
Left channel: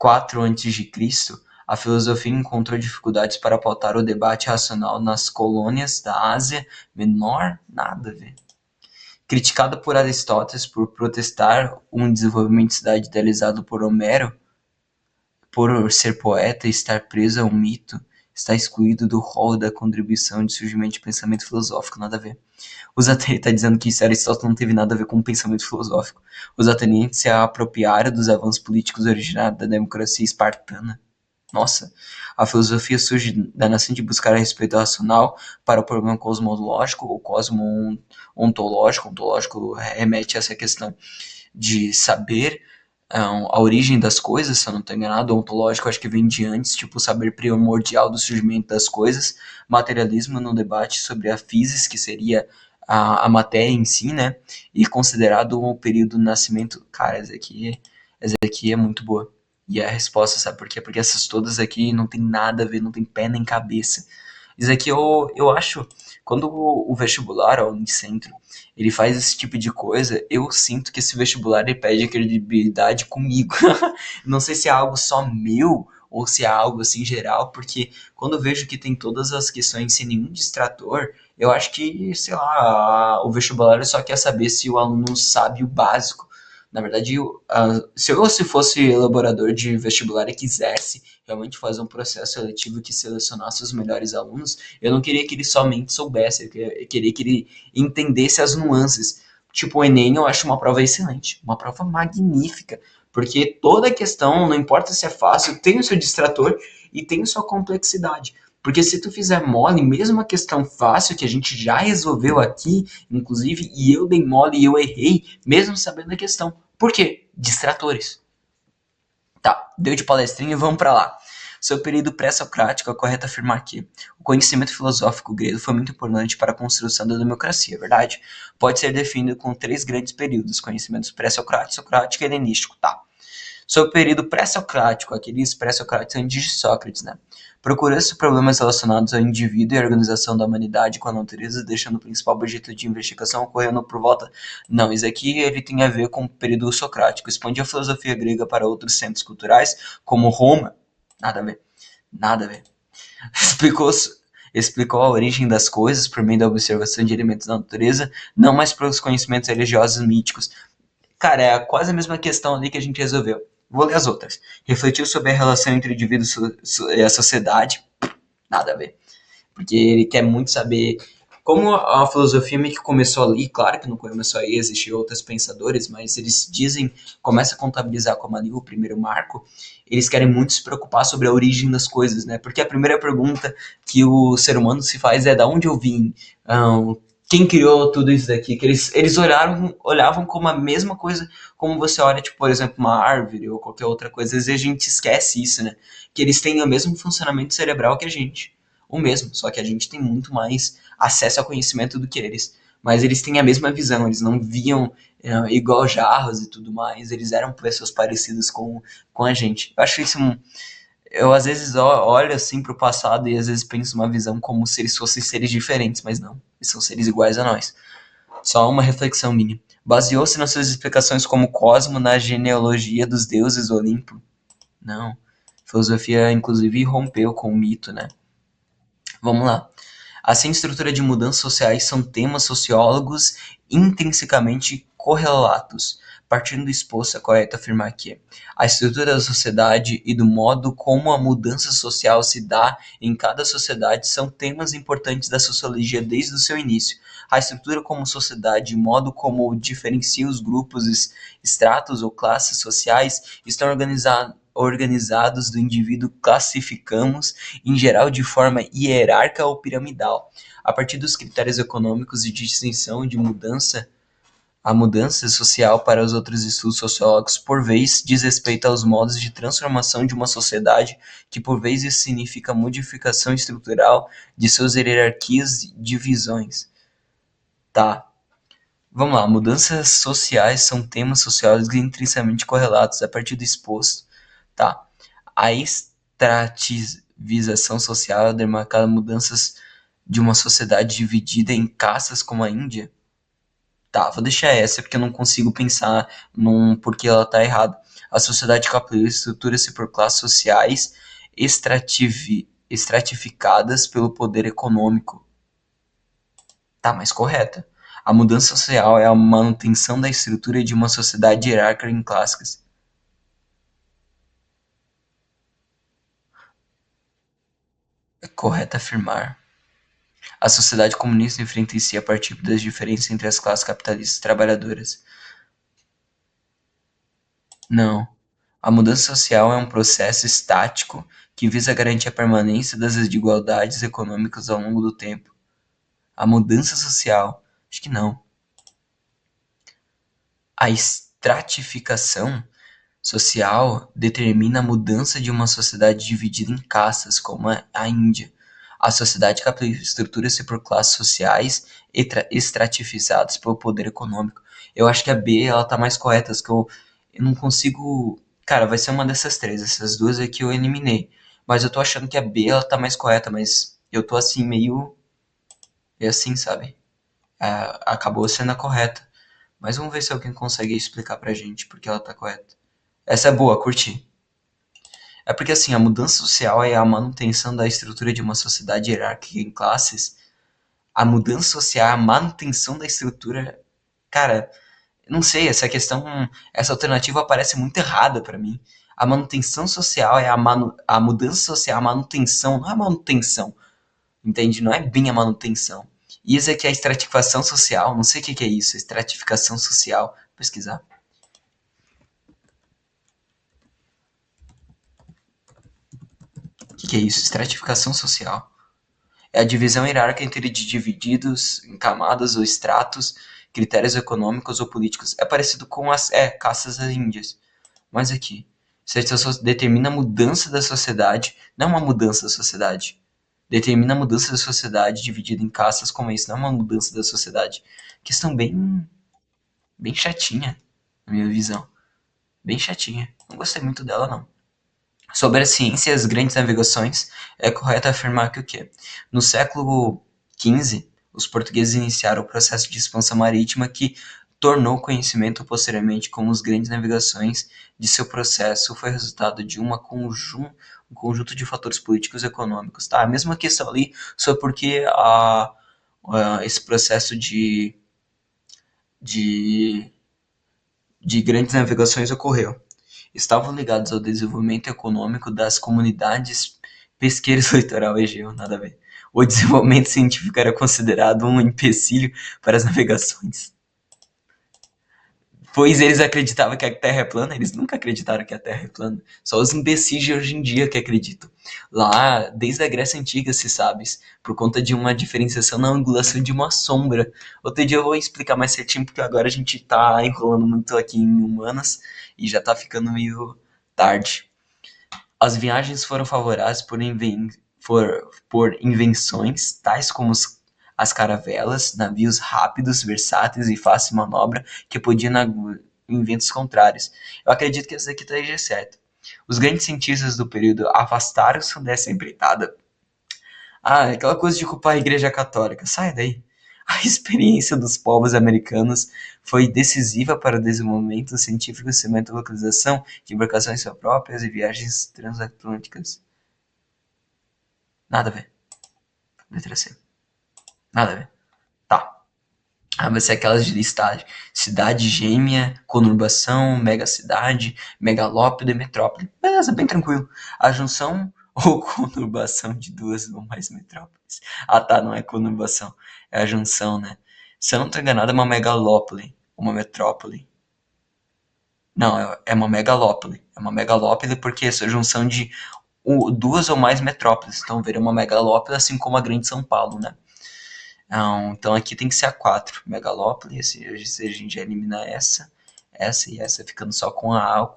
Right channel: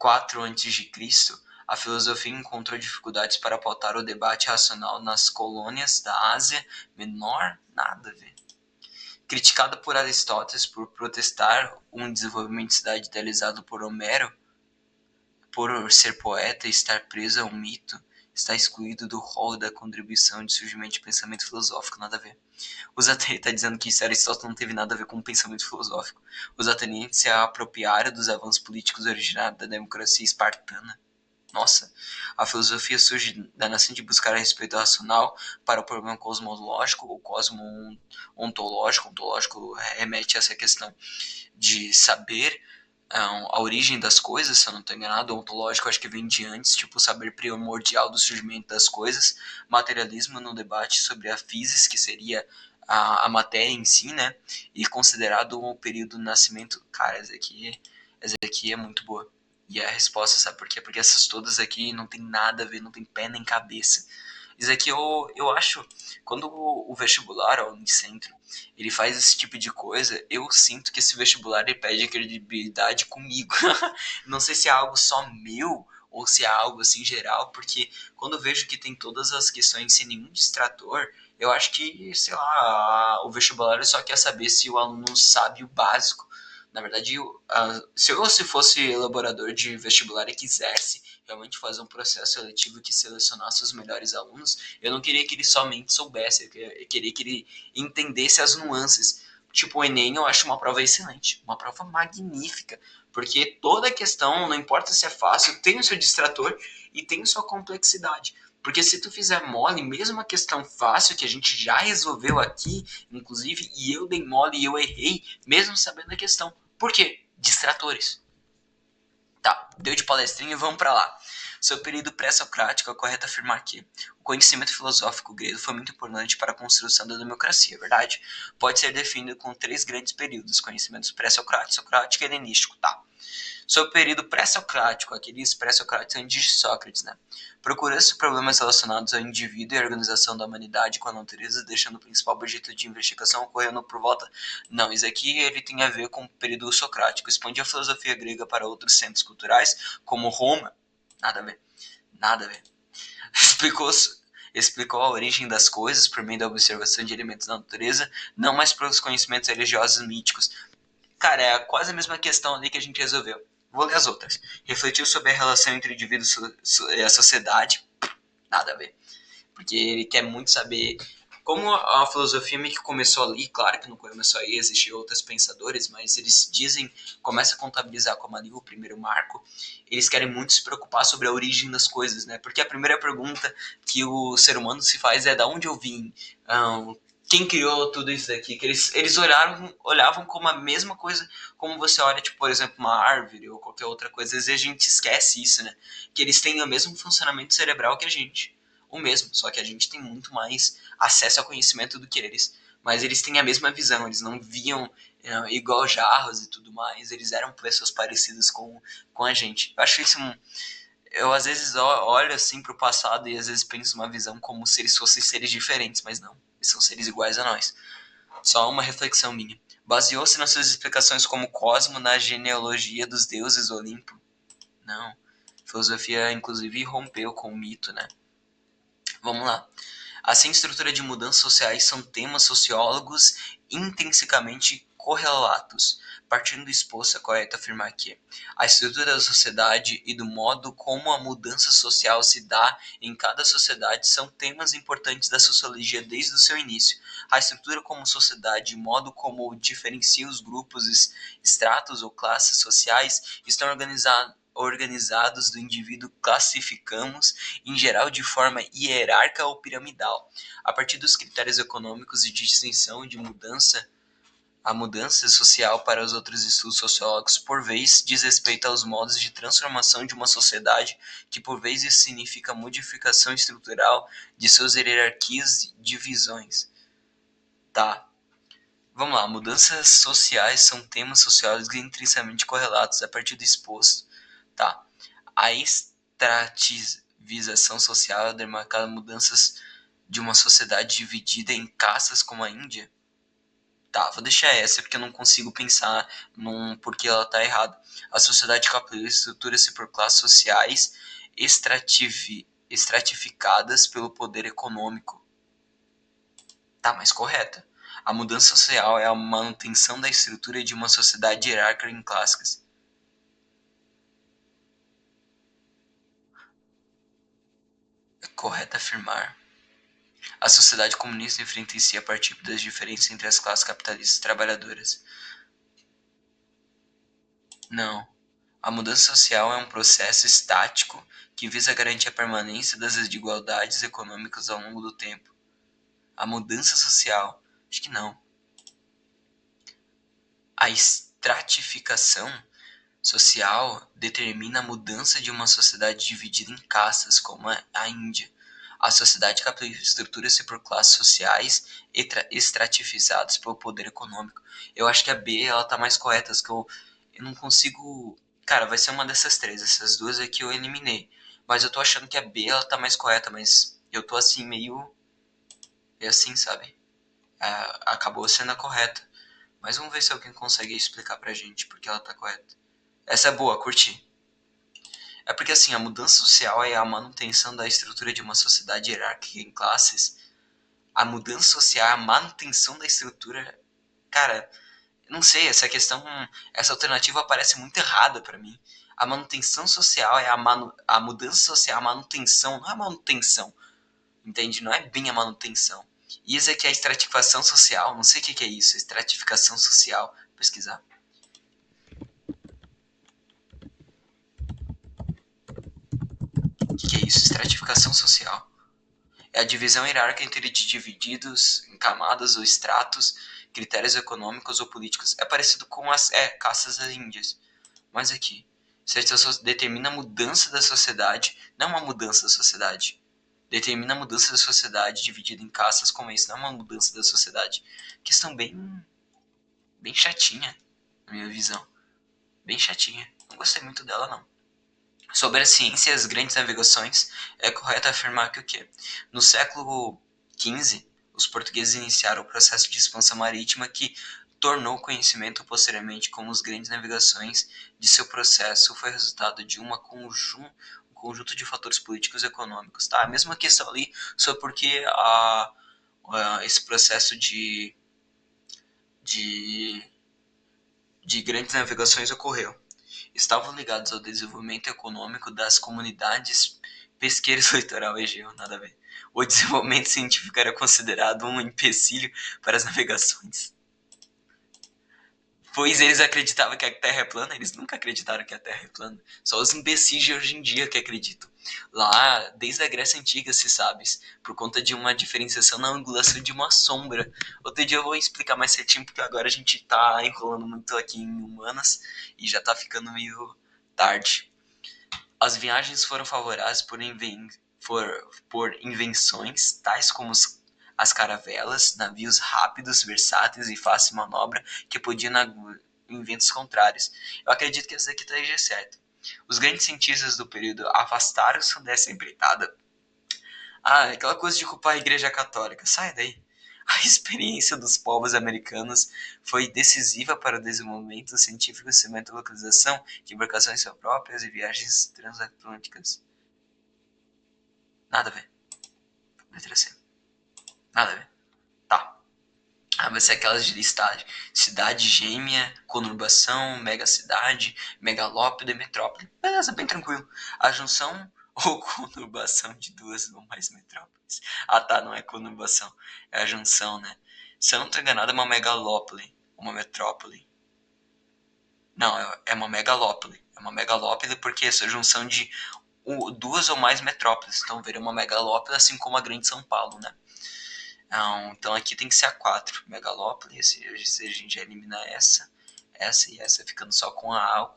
IV a.C., a filosofia encontrou dificuldades para pautar o debate racional nas colônias da Ásia Menor, nada a ver. Criticada por Aristóteles por protestar um desenvolvimento de cidade idealizado por Homero, por ser poeta e estar preso a um mito, está excluído do rol da contribuição de surgimento de pensamento filosófico, nada a ver. Os atenienses tá dizendo que isso Aristóteles não teve nada a ver com o pensamento filosófico. Os atenienses se apropriaram dos avanços políticos originados da democracia espartana. Nossa, a filosofia surge da nascente buscar a respeito racional para o problema cosmológico ou cosmo-ontológico. Ontológico remete a essa questão de saber a origem das coisas, se eu não estou enganado. Ontológico acho que vem de antes, tipo o saber primordial do surgimento das coisas. Materialismo no debate sobre a physis, que seria a matéria em si, né? E considerado um período do nascimento. Cara, essa aqui é muito boa. E a resposta, sabe por quê? Porque essas todas aqui não tem nada a ver, não tem pé nem cabeça. Isso aqui eu acho, quando o vestibular, ó, o Unicentro, ele faz esse tipo de coisa, eu sinto que esse vestibular ele perde a credibilidade comigo. Não sei se é algo só meu ou se é algo assim geral, porque quando eu vejo que tem todas as questões sem nenhum distrator, eu acho que, sei lá, o vestibular só quer saber se o aluno sabe o básico. Na verdade, se eu fosse elaborador de vestibular e quisesse realmente fazer um processo seletivo que selecionasse os melhores alunos, eu não queria que ele somente soubesse, eu queria que ele entendesse as nuances. Tipo, o Enem eu acho uma prova excelente, uma prova magnífica, porque toda questão, não importa se é fácil, tem o seu distrator e tem a sua complexidade. Porque se tu fizer mole, mesmo a questão fácil que a gente já resolveu aqui, inclusive, e eu dei mole e eu errei, mesmo sabendo a questão. Por quê? Distratores. Tá, deu de palestrinha e vamos para lá. Seu período pré-socrático, é correto afirmar que o conhecimento filosófico grego foi muito importante para a construção da democracia, é verdade? Pode ser definido com três grandes períodos: conhecimentos pré-socrático, socrático e helenístico. Tá. Sobre o período pré-socrático, aqueles pré-socráticos antes de Sócrates, né? Procurou-se problemas relacionados ao indivíduo e à organização da humanidade com a natureza, deixando o principal objeto de investigação ocorrendo por volta. Não, isso aqui ele tem a ver com o período socrático. Expandiu a filosofia grega para outros centros culturais, como Roma. Nada a ver. Nada a ver. Explicou explicou a origem das coisas por meio da observação de elementos da natureza, não mais pelos conhecimentos religiosos míticos. Cara, é quase a mesma questão ali que a gente resolveu. Vou ler as outras. Refletiu sobre a relação entre o indivíduo e a sociedade. Nada a ver. Porque ele quer muito saber como a filosofia meio que começou ali. Claro que não começou aí, existiam outros pensadores, mas eles dizem, começa a contabilizar como ali o primeiro marco. Eles querem muito se preocupar sobre a origem das coisas, né? Porque a primeira pergunta que o ser humano se faz é: da onde eu vim? Quem criou tudo isso daqui? Que eles olhavam como a mesma coisa como você olha, tipo, por exemplo, uma árvore ou qualquer outra coisa. Às vezes a gente esquece isso, né? Que eles têm o mesmo funcionamento cerebral que a gente. O mesmo, só que a gente tem muito mais acesso ao conhecimento do que eles. Mas eles têm a mesma visão, eles não viam igual jarros e tudo mais, eles eram pessoas parecidas com a gente. Eu acho isso eu às vezes olho assim pro passado e às vezes penso uma visão como se eles fossem seres diferentes, mas não, eles são seres iguais a nós. Só uma reflexão minha. Baseou-se nas suas explicações como Cosmo na genealogia dos deuses Olimpo? Não. Filosofia, inclusive, rompeu com o mito, né? Vamos lá. Assim, a estrutura de mudanças sociais são temas sociólogos intrinsecamente correlatos. Partindo do exposto, é correto afirmar que a estrutura da sociedade e do modo como a mudança social se dá em cada sociedade são temas importantes da sociologia desde o seu início. A estrutura como sociedade e o modo como diferencia os grupos, estratos ou classes sociais estão organizados do indivíduo classificamos em geral de forma hierárquica ou piramidal, a partir dos critérios econômicos e de distinção de mudança. A mudança social para os outros estudos sociológicos, por vezes, diz respeito aos modos de transformação de uma sociedade, que por vezes significa modificação estrutural de suas hierarquias e divisões. Tá, vamos lá. Mudanças sociais são temas sociólogos intrinsecamente correlatos a partir do exposto. Tá. A extrativização social é demarcada mudanças de uma sociedade dividida em castas como a Índia. Tá, vou deixar essa porque eu não consigo pensar num porquê ela tá errada. A sociedade capitalista estrutura-se por classes sociais estratificadas pelo poder econômico. Tá mais correta. A mudança social é a manutenção da estrutura de uma sociedade hierárquica em classes. É correto afirmar. A sociedade comunista enfrenta em si a partir das diferenças entre as classes capitalistas e trabalhadoras. Não. A mudança social é um processo estático que visa garantir a permanência das desigualdades econômicas ao longo do tempo. A mudança social? Acho que não. A estratificação social determina a mudança de uma sociedade dividida em castas, como a Índia. A sociedade capitalista estrutura-se por classes sociais estratificadas pelo poder econômico. Eu acho que a B ela tá mais correta, que eu não consigo. Cara, vai ser uma dessas três. Essas duas aqui eu eliminei. Mas eu tô achando que a B ela tá mais correta, mas eu tô assim, meio assim, sabe? Acabou sendo a correta. Mas vamos ver se alguém consegue explicar pra gente porque ela tá correta. Essa é boa, curti. É porque assim, a mudança social é a manutenção da estrutura de uma sociedade hierárquica em classes. A mudança social é a manutenção da estrutura. Cara, não sei, essa alternativa parece muito errada pra mim. A manutenção social é a mudança social, a manutenção, não é manutenção, entende? Não é bem a manutenção. E isso aqui é a estratificação social, não sei o que que é isso, estratificação social. Vou pesquisar. O que que é isso? Estratificação social. É a divisão hierárquica entre divididos em camadas ou estratos, critérios econômicos ou políticos. É parecido com as castas índias. Mas aqui, isso determina a mudança da sociedade, não uma mudança da sociedade. Determina a mudança da sociedade dividida em castas como isso, não é uma mudança da sociedade. Questão bem chatinha, na minha visão. Bem chatinha. Não gostei muito dela, não. Sobre a ciência e as grandes navegações, é correto afirmar que o quê? No século XV, os portugueses iniciaram o processo de expansão marítima que tornou o conhecimento posteriormente como as grandes navegações de seu processo foi resultado de um conjunto de fatores políticos e econômicos. Tá? A mesma questão ali sobre por que esse processo de, de grandes navegações ocorreu. Estavam ligados ao desenvolvimento econômico das comunidades pesqueiras do litoral egeu, nada a ver. O desenvolvimento científico era considerado um empecilho para as navegações. Pois eles acreditavam que a Terra é plana, eles nunca acreditaram que a Terra é plana. Só os imbecis de hoje em dia que acreditam. Lá, desde a Grécia Antiga, se sabe, por conta de uma diferenciação na angulação de uma sombra. Outro dia eu vou explicar mais certinho, porque agora a gente tá enrolando muito aqui em humanas e já tá ficando meio tarde. As viagens foram favoráveis por invenções tais como as caravelas, navios rápidos, versáteis e fácil de manobra que podiam em ventos contrários. Eu acredito que essa aqui esteja certo. Os grandes cientistas do período afastaram-se dessa empreitada. Ah, aquela coisa de culpar a Igreja Católica. Sai daí. A experiência dos povos americanos foi decisiva para o desenvolvimento científico, cimento, localização de embarcações próprias e viagens transatlânticas. Nada a ver. Letra C. Nada a ver. Tá. Vai ser aquelas de listagem. Cidade gêmea, conurbação, megacidade, megalópole e metrópole. Beleza, bem tranquilo. A junção ou conurbação de duas ou mais metrópoles. Ah tá, não é conurbação. É a junção, né? Se eu não tô enganado, é uma megalópole. Uma metrópole. Não, é uma megalópole. É uma megalópole porque essa junção de duas ou mais metrópoles. Então, ver uma megalópole, assim como a Grande São Paulo, né? Não, então aqui tem que ser a 4. Megalópole, se a gente já elimina essa e essa, ficando só com a A.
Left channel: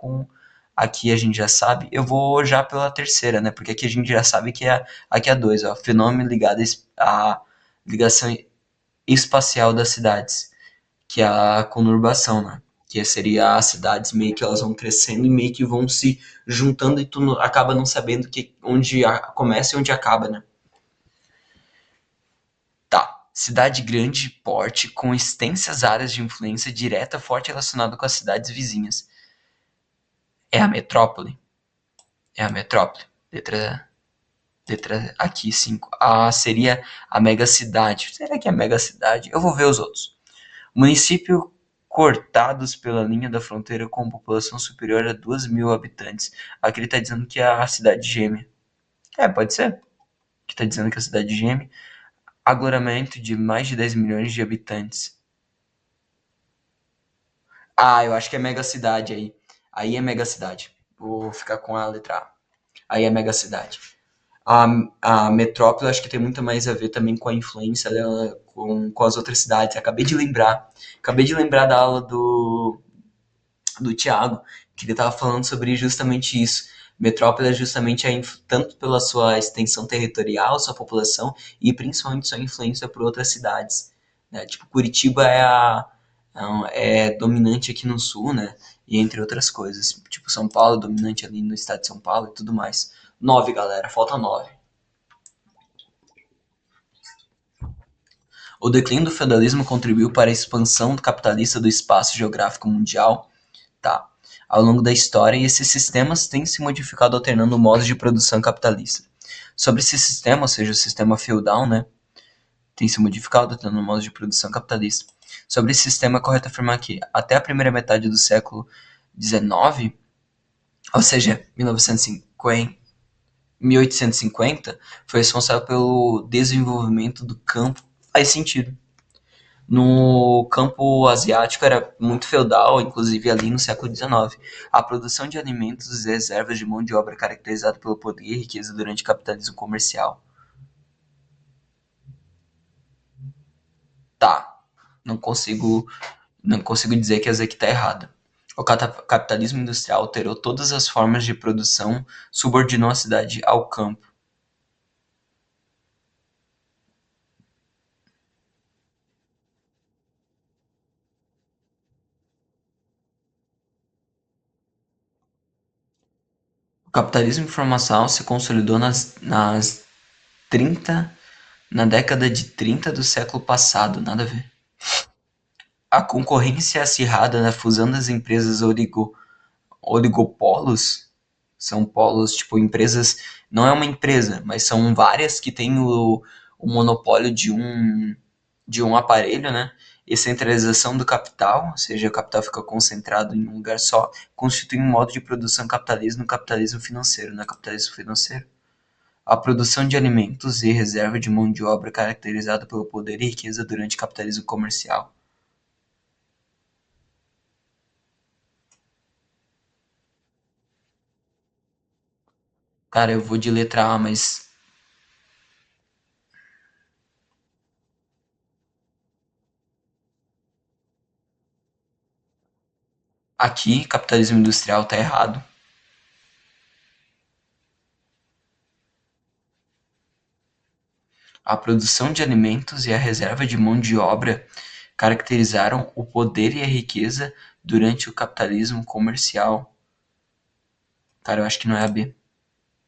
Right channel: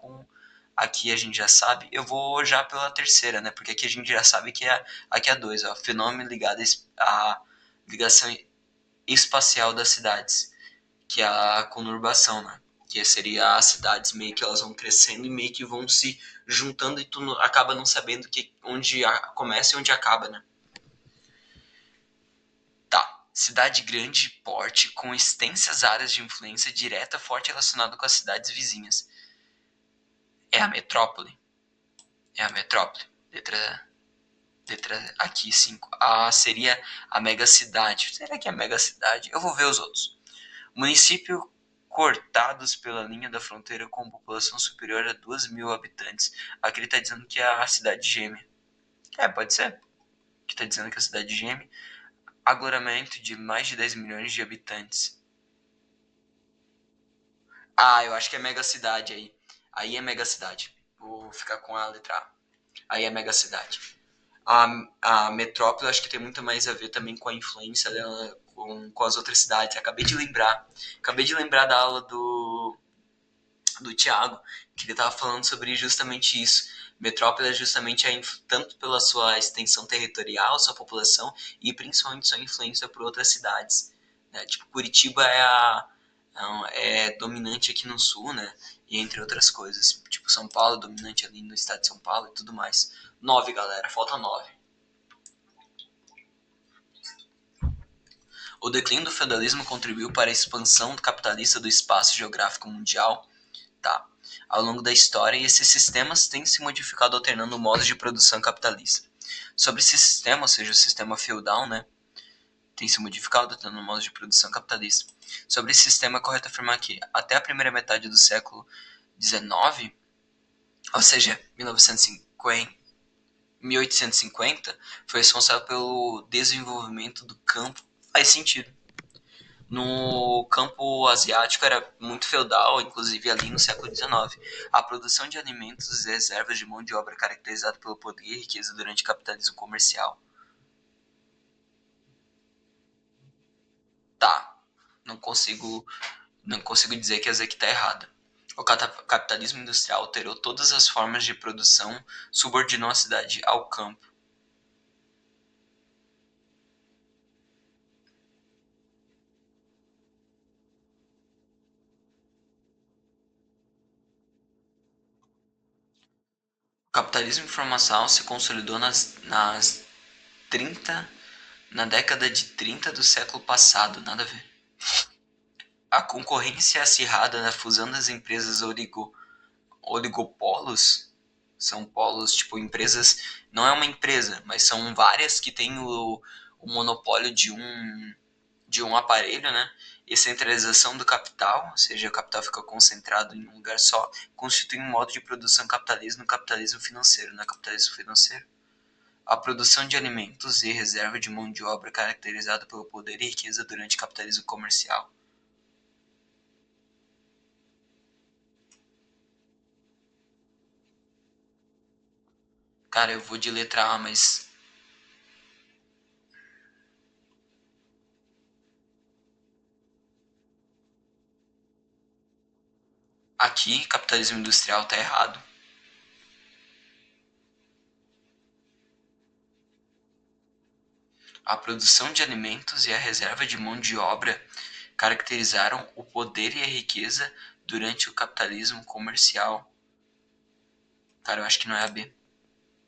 Aqui a gente já sabe. Eu vou já pela terceira, né? Porque aqui a gente já sabe que aqui é a 2, ó. Fenômeno ligado à ligação espacial das cidades, que é a conurbação, né? Que seria as cidades meio que elas vão crescendo e meio que vão se juntando e tu acaba não sabendo onde começa e onde acaba, né? Tá. Cidade grande de porte, com extensas áreas de influência direta forte relacionada com as cidades vizinhas. É a metrópole. É a metrópole. Letra aqui, 5. A seria a megacidade. Será que é a megacidade? Eu vou ver os outros. Município cortados pela linha da fronteira com população superior a 2.000 habitantes. Aqui ele está dizendo que é a cidade gêmea. É, pode ser. que tá dizendo que a cidade geme. Aglomeramento de mais de 10 milhões de habitantes. Ah, eu acho que é mega cidade aí. Aí é mega cidade. Vou ficar com a letra A. Aí é mega cidade. A, a metrópole acho que tem muito mais a ver também com a influência dela com as outras cidades. Acabei de lembrar da aula do Thiago, que ele estava falando sobre justamente isso. Metrópole é justamente tanto pela sua extensão territorial, sua população, e principalmente sua influência por outras cidades. Né? Tipo, Curitiba é dominante aqui no sul, né? E entre outras coisas. Tipo, São Paulo é dominante ali no estado de São Paulo e tudo mais. 9, galera, falta 9. O declínio do feudalismo contribuiu para a expansão capitalista do espaço geográfico mundial, tá? Ao longo da história, e esses sistemas têm se modificado alternando modos de produção capitalista. Sobre esse sistema, ou seja, o sistema feudal, né, tem se modificado alternando modos de produção capitalista. Sobre esse sistema, é correto afirmar que, até a primeira metade do século XIX, ou seja, 1950, 1850, foi responsável pelo desenvolvimento do campo. Faz sentido. No campo asiático era muito feudal, inclusive ali no século XIX. A produção de alimentos e reservas de mão de obra caracterizada pelo poder e riqueza durante o capitalismo comercial. Tá, não consigo, não consigo dizer que essa aqui está errada. O capitalismo industrial alterou todas as formas de produção, subordinou a cidade ao campo. O capitalismo informacional se consolidou nas 30, na década de 30 do século passado, nada a ver. A concorrência acirrada na fusão das empresas oligopolos são polos, tipo, empresas. Não é uma empresa, mas são várias que têm o monopólio de um aparelho, né? E centralização do capital, ou seja, o capital fica concentrado em um lugar só, constitui um modo de produção capitalista no capitalismo financeiro, no capitalismo financeiro. A produção de alimentos e reserva de mão de obra caracterizada pelo poder e riqueza durante o capitalismo comercial. Cara, eu vou de letra A, mas aqui capitalismo industrial tá errado. A produção de alimentos e a reserva de mão de obra caracterizaram o poder e a riqueza durante o capitalismo comercial. Cara, eu acho que não é a B.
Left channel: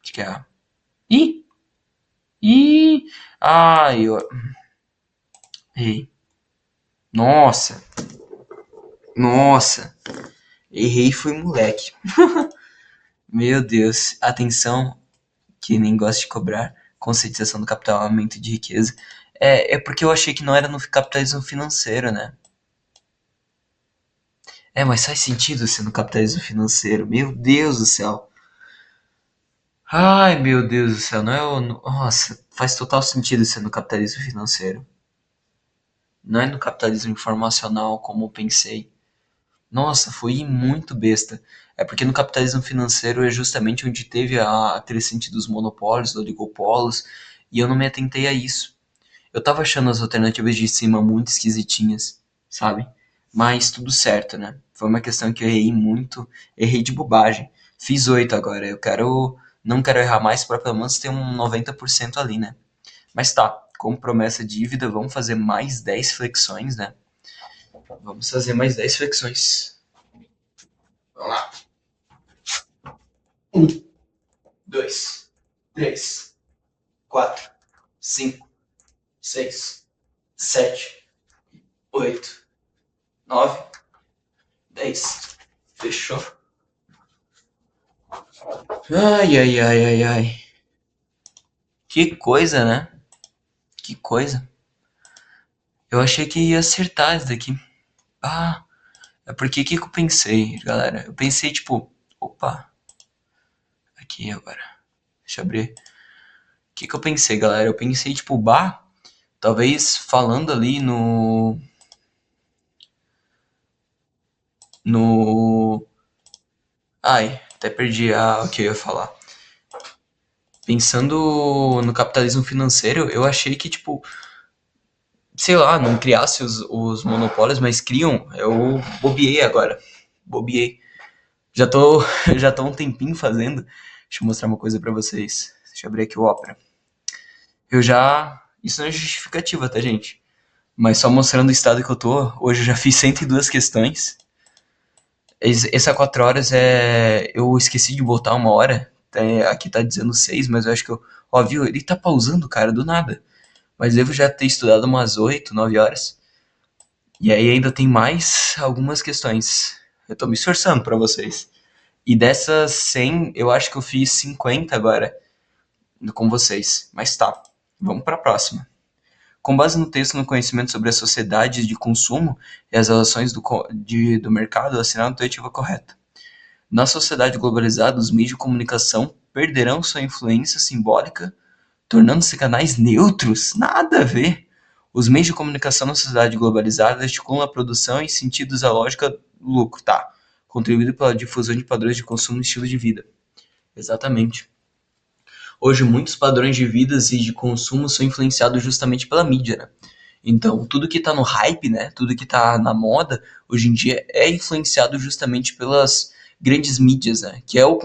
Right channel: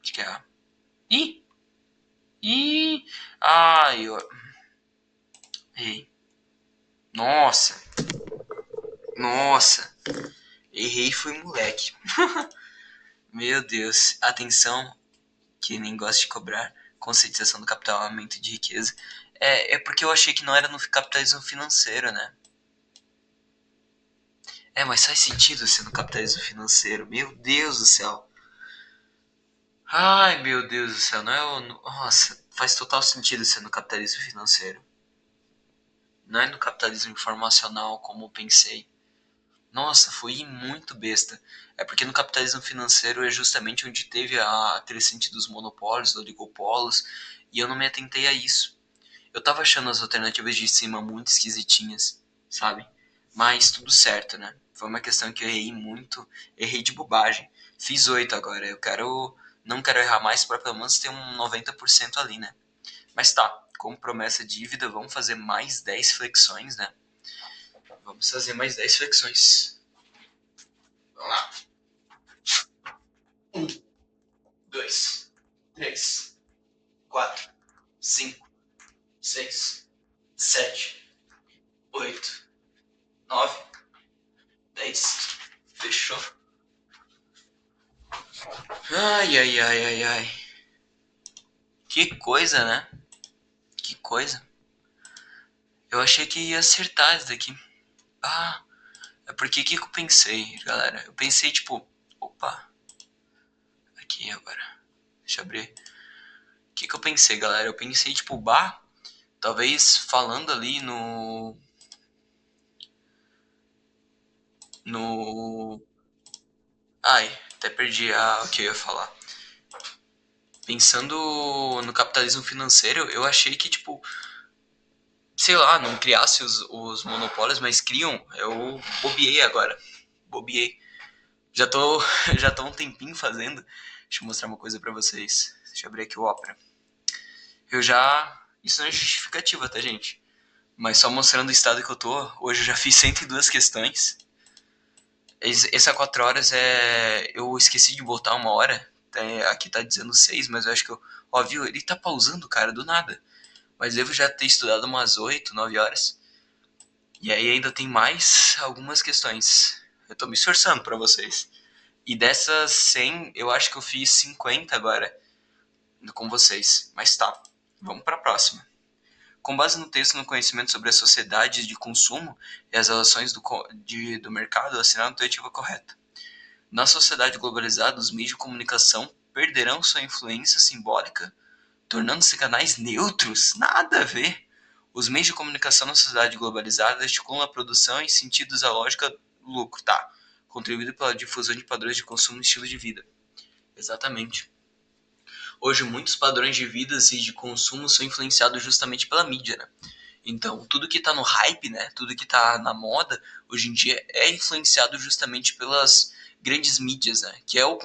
Acho que é a. Ih! Ih! Ai, eu. Errei. Nossa! Nossa! Errei foi moleque. Meu Deus. Atenção, que nem gosta de cobrar. Conscientização do capital, aumento de riqueza. É porque eu achei que não era no capitalismo financeiro, né? É, mas faz sentido ser no capitalismo financeiro. Meu Deus do céu. Ai, meu Deus do céu. Não é o. Nossa, faz total sentido ser no capitalismo financeiro. Não é no capitalismo informacional, como eu pensei. Nossa, fui muito besta. É porque no capitalismo financeiro é justamente onde teve a crescente dos monopólios, dos oligopolos, e eu não me atentei a isso. Eu tava achando as alternativas de cima muito esquisitinhas, sabe? Mas tudo certo, né? Foi uma questão que eu errei muito, errei de bobagem. Fiz 8 agora, não quero errar mais para pelo menos ter um 90% ali, né? Mas tá, como promessa dívida, vamos fazer mais 10 flexões, né? Vamos fazer mais 10 flexões. Vamos lá. Um, 2, 3, 4, 5, 6, 7, 8, 9, 10. Fechou. Ai, ai, ai, ai, ai. Que coisa, né? Que coisa. Eu achei que ia acertar isso daqui. Ah, é porque o que eu pensei, galera? Eu pensei, tipo, opa, aqui agora. Deixa eu abrir. que eu pensei, galera? Eu pensei, tipo, talvez falando ali no... Ai, até perdi o que eu ia falar. Pensando no capitalismo financeiro, eu achei que, tipo, sei lá, não criasse os monopólios, mas criam. Eu bobiei agora. Bobiei. Já tô, já tô um tempinho fazendo. Deixa eu mostrar uma coisa pra vocês. Deixa eu abrir aqui o Opera. Eu já. Isso não é justificativa, tá, gente? Mas só mostrando o estado que eu tô. Hoje eu já fiz 102 questões. Essa 4 horas é. Eu esqueci de botar uma hora. Aqui tá dizendo 6, mas eu acho que eu. Ó, viu? Ele tá pausando, cara, do nada. Mas devo já ter estudado umas 8, 9 horas. E aí ainda tem mais algumas questões. Eu tô me esforçando pra vocês. E dessas 100, eu acho que eu fiz 50 agora com vocês. Mas tá, vamos pra próxima. Com base no texto no conhecimento sobre as sociedades de consumo e as relações do mercado, assinar a alternativa correta. Na sociedade globalizada, os meios de comunicação perderão sua influência simbólica, tornando-se canais neutros? Nada a ver. Os meios de comunicação na sociedade globalizada articulam a produção em sentidos à lógica do lucro, tá? Contribuindo pela difusão de padrões de consumo e estilo de vida. Exatamente. Hoje, muitos padrões de vida e de consumo são influenciados justamente pela mídia, né? Então, tudo que tá no hype, né? Tudo que tá na moda, hoje em dia, é influenciado justamente pelas grandes mídias, né? Que o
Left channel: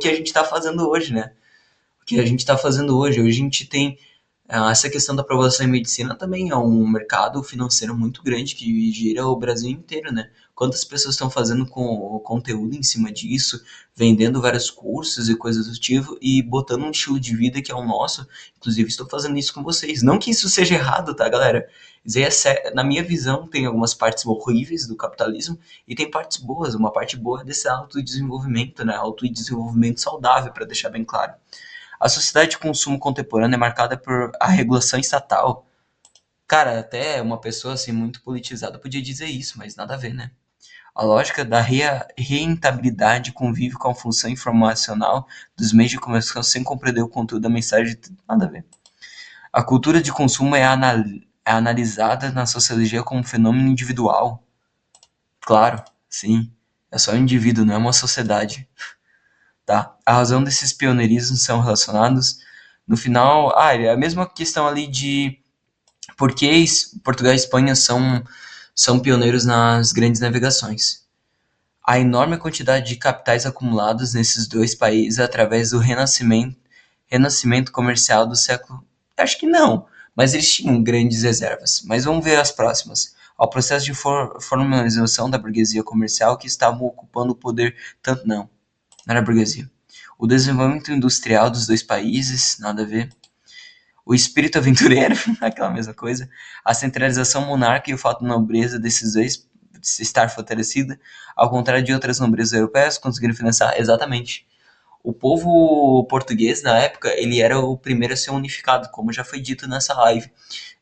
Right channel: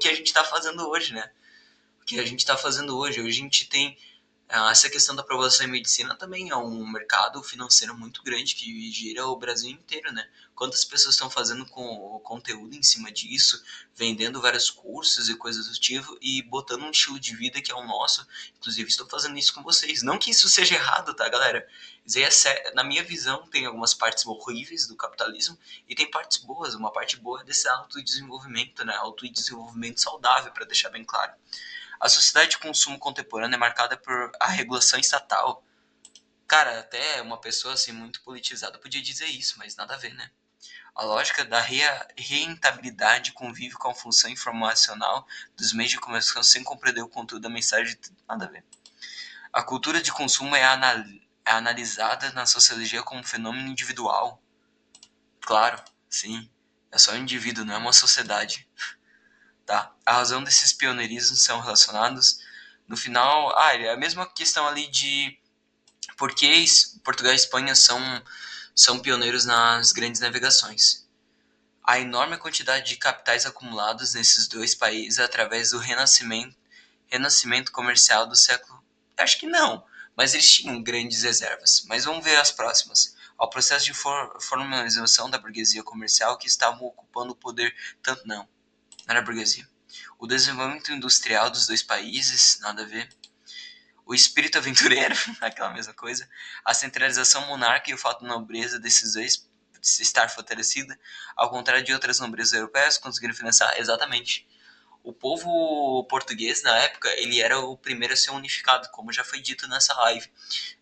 que a gente tá fazendo hoje, né? O que a gente tá fazendo hoje. Hoje a gente tem essa questão da aprovação em medicina também é um mercado financeiro muito grande que gira o Brasil inteiro, né? Quantas pessoas estão fazendo com o conteúdo em cima disso, vendendo vários cursos e coisas do tipo e botando um estilo de vida que é o nosso. Inclusive, estou fazendo isso com vocês. Não que isso seja errado, tá, galera? Isso aí na minha visão, tem algumas partes horríveis do capitalismo e tem partes boas. Uma parte boa é desse autodesenvolvimento, né? Autodesenvolvimento saudável, para deixar bem claro. A sociedade de consumo contemporânea é marcada por a regulação estatal. Cara, até uma pessoa assim muito politizada podia dizer isso, mas nada a ver, né? A lógica da rentabilidade convive com a função informacional dos meios de comunicação sem compreender o conteúdo da mensagem. Nada a ver. A cultura de consumo é analisada na sociologia como um fenômeno individual. Claro, sim. É só um indivíduo, não é uma sociedade. Tá? A razão desses pioneirismos são relacionados no final. É a mesma questão ali de por que Portugal e Espanha são pioneiros nas grandes navegações. A enorme quantidade de capitais acumulados nesses dois países através do renascimento comercial do século. Acho que não, mas eles tinham grandes reservas. Mas vamos ver as próximas. Ao processo de formalização da burguesia comercial que estavam ocupando o poder tanto não era burguesia. O desenvolvimento industrial dos dois países, nada a ver. O espírito aventureiro, aquela mesma coisa. A centralização monárquica e o fato de nobreza desses dois estar fortalecida, ao contrário de outras nobrezas europeias, conseguiram financiar exatamente. O povo português, na época, ele era o primeiro a ser unificado, como já foi dito nessa live,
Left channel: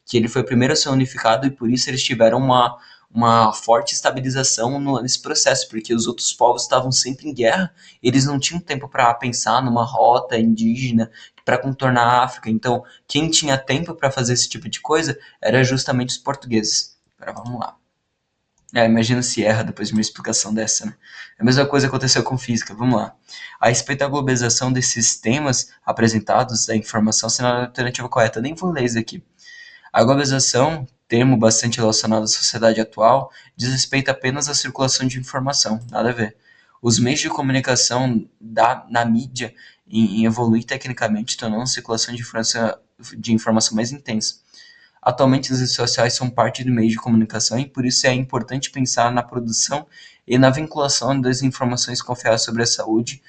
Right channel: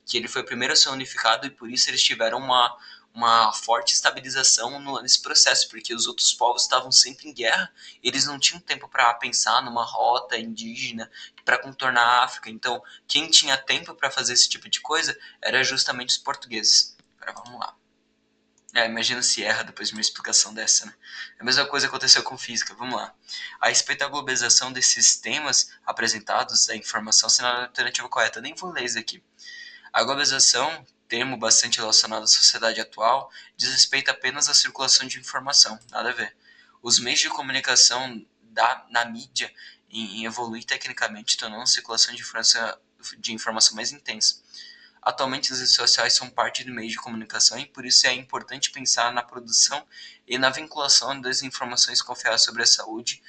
que ele foi o primeiro a ser unificado e por isso eles tiveram uma forte estabilização nesse processo, porque os outros povos estavam sempre em guerra, eles não tinham tempo para pensar numa rota indígena para contornar a África. Então, quem tinha tempo para fazer esse tipo de coisa era justamente os portugueses. Agora vamos lá. Imagina se erra depois de uma explicação dessa, né? A mesma coisa aconteceu com física. Vamos lá. A respeito da globalização desses temas apresentados, da informação sendo a alternativa correta. Nem vou ler isso aqui. A globalização, termo bastante relacionado à sociedade atual, diz respeito apenas à circulação de informação, nada a ver. Os meios de comunicação na mídia em evoluir tecnicamente tornando a circulação de informação mais intensa. Atualmente, as redes sociais são parte do meio de comunicação e por isso é importante pensar na produção e na vinculação das informações confiáveis sobre a saúde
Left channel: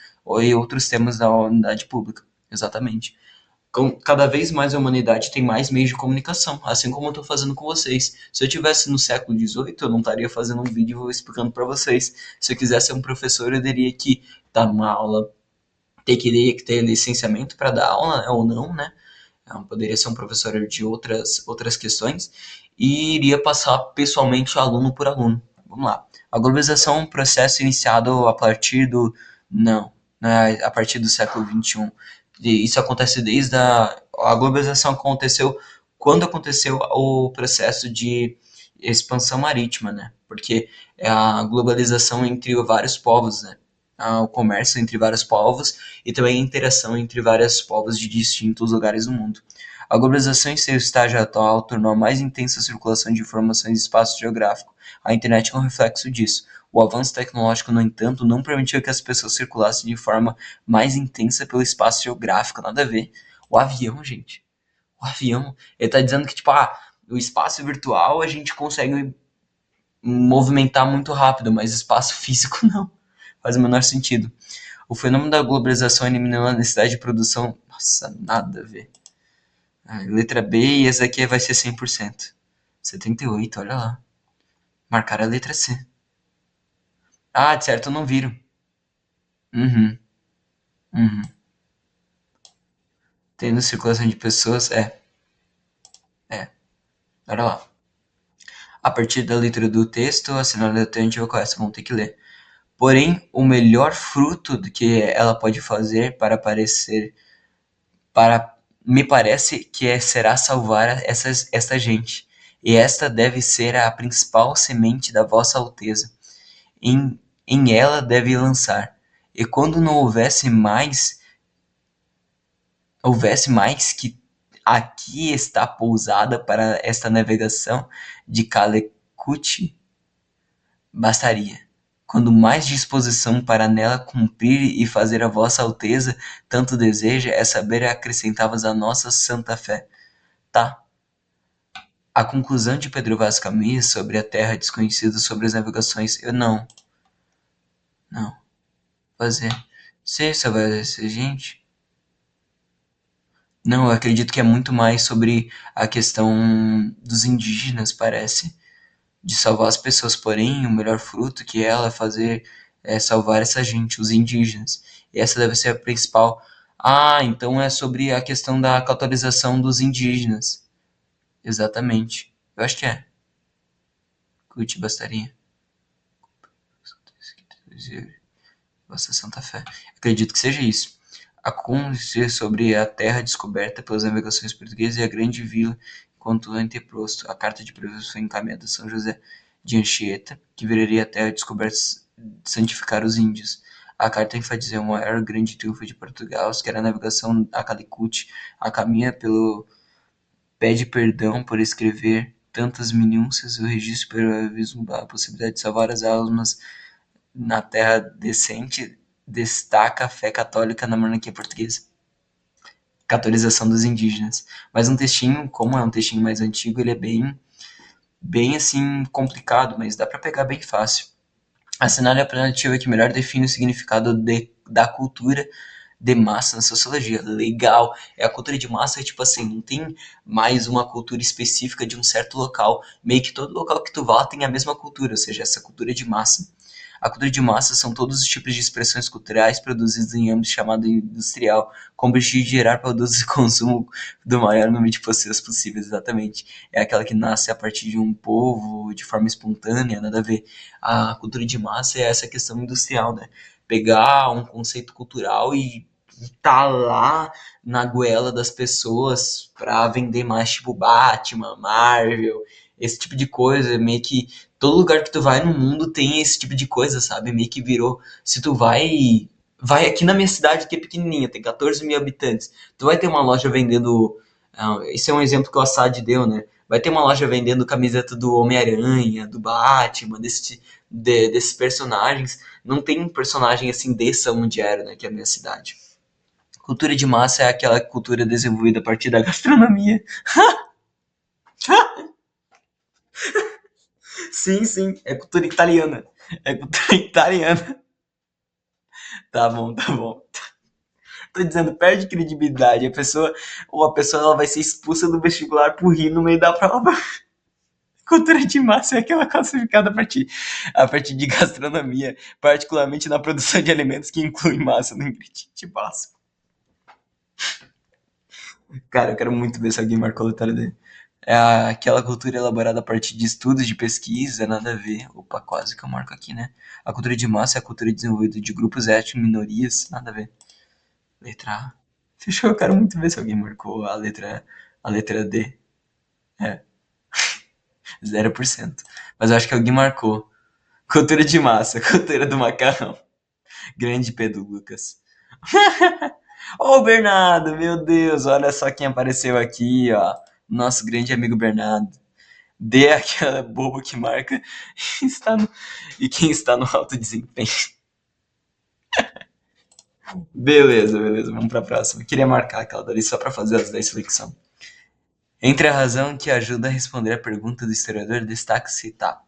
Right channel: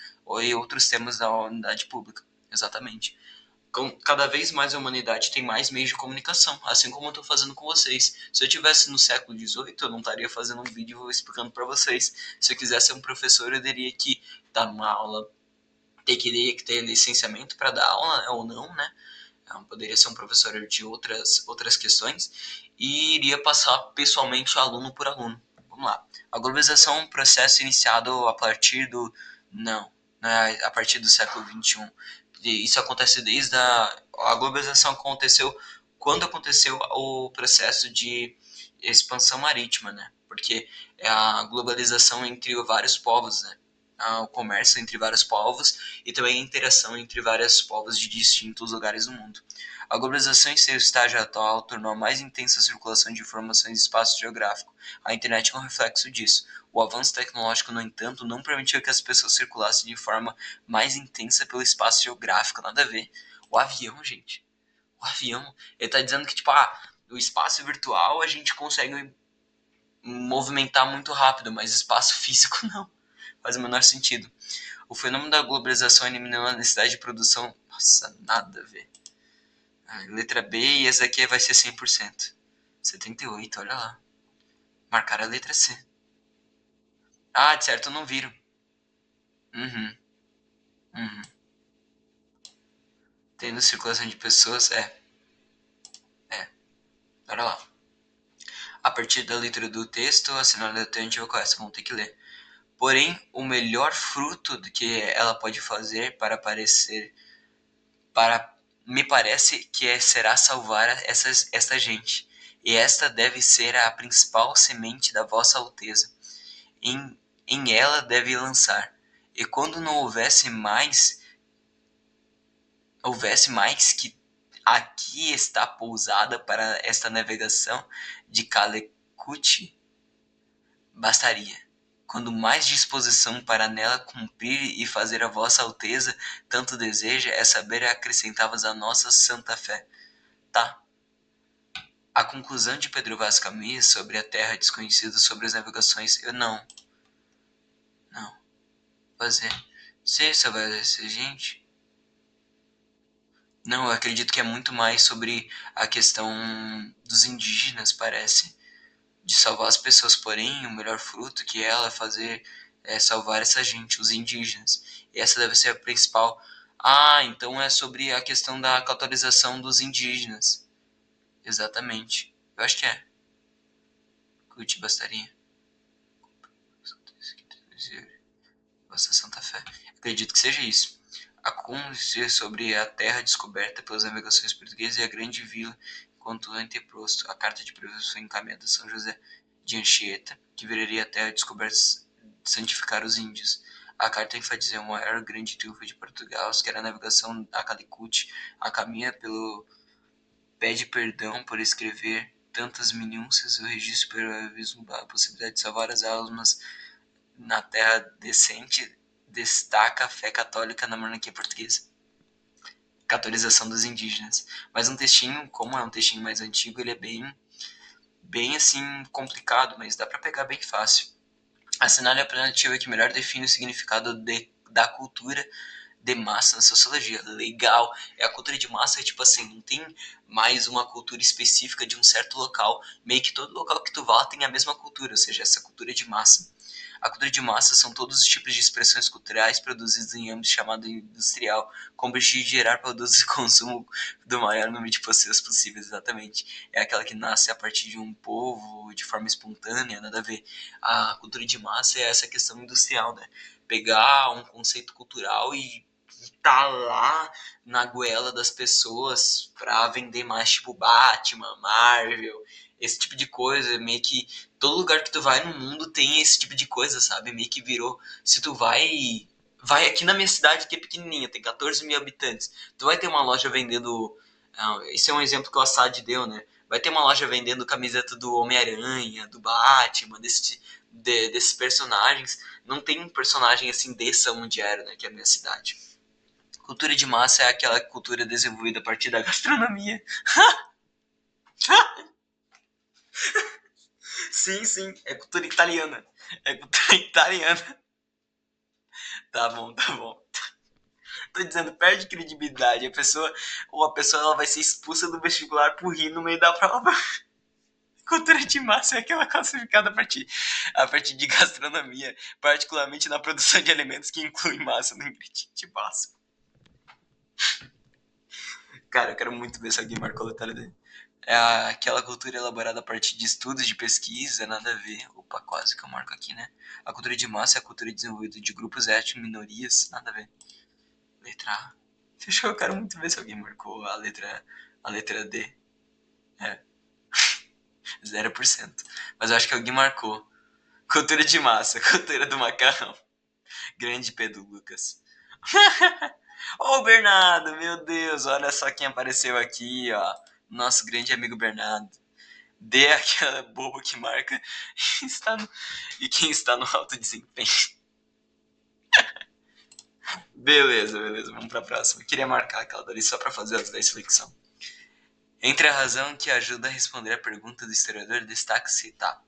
e outros temas da unidade pública. Exatamente. Cada vez mais a humanidade tem mais meios de comunicação, assim como eu estou fazendo com vocês. Se eu tivesse no século XVIII, eu não estaria fazendo um vídeo explicando para vocês. Se eu quisesse ser um professor, eu teria que dar uma aula, teria que ter licenciamento para dar aula, né, ou não, né? Eu poderia ser um professor de outras questões e iria passar pessoalmente aluno por aluno. Vamos lá. A globalização é um processo iniciado a partir do... Não, né, a partir do século XXI. E isso acontece desde a globalização aconteceu quando aconteceu o processo de expansão marítima, né? Porque é a globalização entre vários povos, né? O comércio entre vários povos e também a interação entre vários povos de distintos lugares do mundo. A globalização em seu estágio atual tornou a mais intensa a circulação de informações em espaço geográfico. A internet é um reflexo disso. O avanço tecnológico, no entanto, não permitiu que as pessoas circulassem de forma mais intensa pelo espaço geográfico, nada a ver. O avião, gente. O avião. Ele tá dizendo que, tipo, o espaço virtual a gente consegue movimentar muito rápido, mas espaço físico não. Faz o menor sentido. O fenômeno da globalização eliminou a necessidade de produção. Nossa, nada a ver. Letra B e essa aqui vai ser 100%. 78, olha lá. Marcar a letra C. De certo, não viram. Uhum, uhum. Tendo circulação de pessoas, é. Olha lá. A partir da leitura do texto, a sinal alternativa correta, vão ter que ler. Porém, o melhor fruto do que ela pode fazer para me parece que será salvar esta gente. E esta deve ser a principal semente da vossa alteza. Em ela deve lançar. E quando não houvesse mais que aqui está pousada para esta navegação de Calecut, bastaria. Quando mais disposição para nela cumprir e fazer a vossa alteza tanto deseja, é saber acrescentavas a nossa santa fé. Tá. A conclusão de Pedro Vaz Caminha sobre a terra desconhecida sobre as navegações, eu não, fazer. Se só vai ser gente? Não, eu acredito que é muito mais sobre a questão dos indígenas, parece. De salvar as pessoas, porém, o melhor fruto que ela fazer é salvar essa gente, os indígenas. E essa deve ser a principal. Então é sobre a questão da catolização dos indígenas. Exatamente. Eu acho que é. Curte bastaria. Vossa Santa Fé. Acredito que seja isso. A conhecer sobre a terra descoberta pelas navegações portuguesas e a grande vila enquanto anteprosto. A carta de previsão foi encaminhada a São José de Anchieta, que viraria a terra descoberta santificar os índios. A carta enfatiza o maior grande triunfo de Portugal, que era a navegação a Calicut, a caminha pelo pede perdão por escrever tantas minúcias, o registro para vislumbrar a possibilidade de salvar as almas na terra decente, destaca a fé católica na monarquia portuguesa. Catolização dos indígenas. Mas um textinho, como é um textinho mais antigo, ele é bem assim complicado, mas dá para pegar bem fácil. Assinale a alternativa que melhor define o significado da cultura de massa na sociologia. Legal. A cultura de massa é tipo assim, não tem mais uma cultura específica de um certo local. Meio que todo local que tu vá tem a mesma cultura, ou seja, essa cultura de massa. A cultura de massa são todos os tipos de expressões culturais produzidos em âmbito chamado industrial, com o objetivo de gerar produtos de consumo do maior número de pessoas possíveis, exatamente. É aquela que nasce a partir de um povo, de forma espontânea, nada a ver. A cultura de massa é essa questão industrial, né? Pegar um conceito cultural e tá lá na goela das pessoas pra vender mais, tipo Batman, Marvel, esse tipo de coisa, meio que todo lugar que tu vai no mundo tem esse tipo de coisa, sabe? Meio que virou, se tu vai aqui na minha cidade que é pequenininha, tem 14 mil habitantes, tu vai ter uma loja vendendo, esse é um exemplo que o Assad deu, né? Vai ter uma loja vendendo camiseta do Homem-Aranha, do Batman, desses personagens. Não tem um personagem assim dessa onde era, né? Que é a minha cidade. Cultura de massa é aquela cultura desenvolvida a partir da gastronomia. Sim, sim, é cultura italiana. É cultura italiana. Tá bom, tá bom. Tô dizendo, perde credibilidade. Ou a pessoa ela vai ser expulsa do vestibular por rir no meio da prova. Cultura de massa é aquela classificada a partir de gastronomia, particularmente na produção de alimentos que incluem massa no ingrediente básico. Cara, eu quero muito ver se alguém marcou a letra D. É aquela cultura elaborada a partir de estudos de pesquisa, nada a ver. Opa, quase que eu marco aqui, né? A cultura de massa é a cultura desenvolvida de grupos étnicos, minorias, nada a ver. Letra A. Fechou, eu quero muito ver se alguém marcou a letra D. É, 0%. Mas eu acho que alguém marcou. Cultura de massa, cultura do macarrão. Grande Pedro Lucas. Ô, Bernardo, meu Deus, olha só quem apareceu aqui, ó. Nosso grande amigo Bernardo. Dê aquela bobo que marca está no, e quem está no alto desempenho. Beleza, beleza, vamos pra próxima. Eu queria marcar aquela dali só pra fazer as 10 flexão. Entre a razão que ajuda a responder a pergunta do historiador, destaca-se, tá.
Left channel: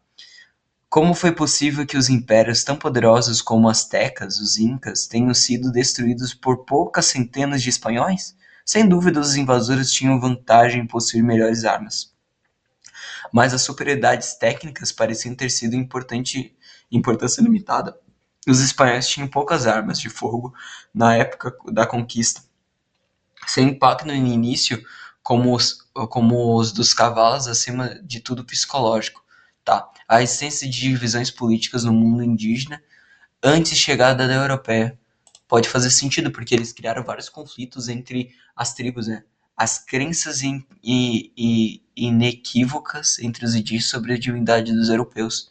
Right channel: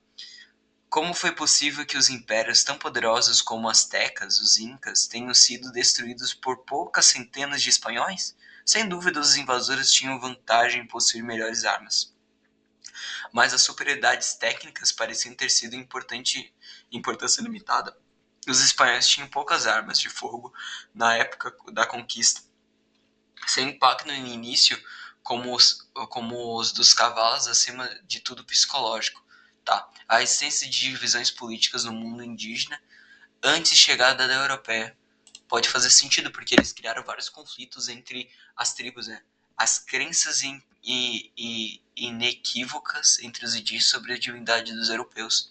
Como foi possível que os impérios tão poderosos como os Aztecas, os Incas, tenham sido destruídos por poucas centenas de espanhóis? Sem dúvida, os invasores tinham vantagem em possuir melhores armas, mas as superioridades técnicas pareciam ter sido importância limitada. Os espanhóis tinham poucas armas de fogo na época da conquista. Seu impacto no início, como os dos cavalos, acima de tudo psicológico. Tá. A existência de divisões políticas no mundo indígena antes de chegada da europeia pode fazer sentido, porque eles criaram vários conflitos entre as tribos, né? As crenças inequívocas entre os indígenas sobre a divindade dos europeus.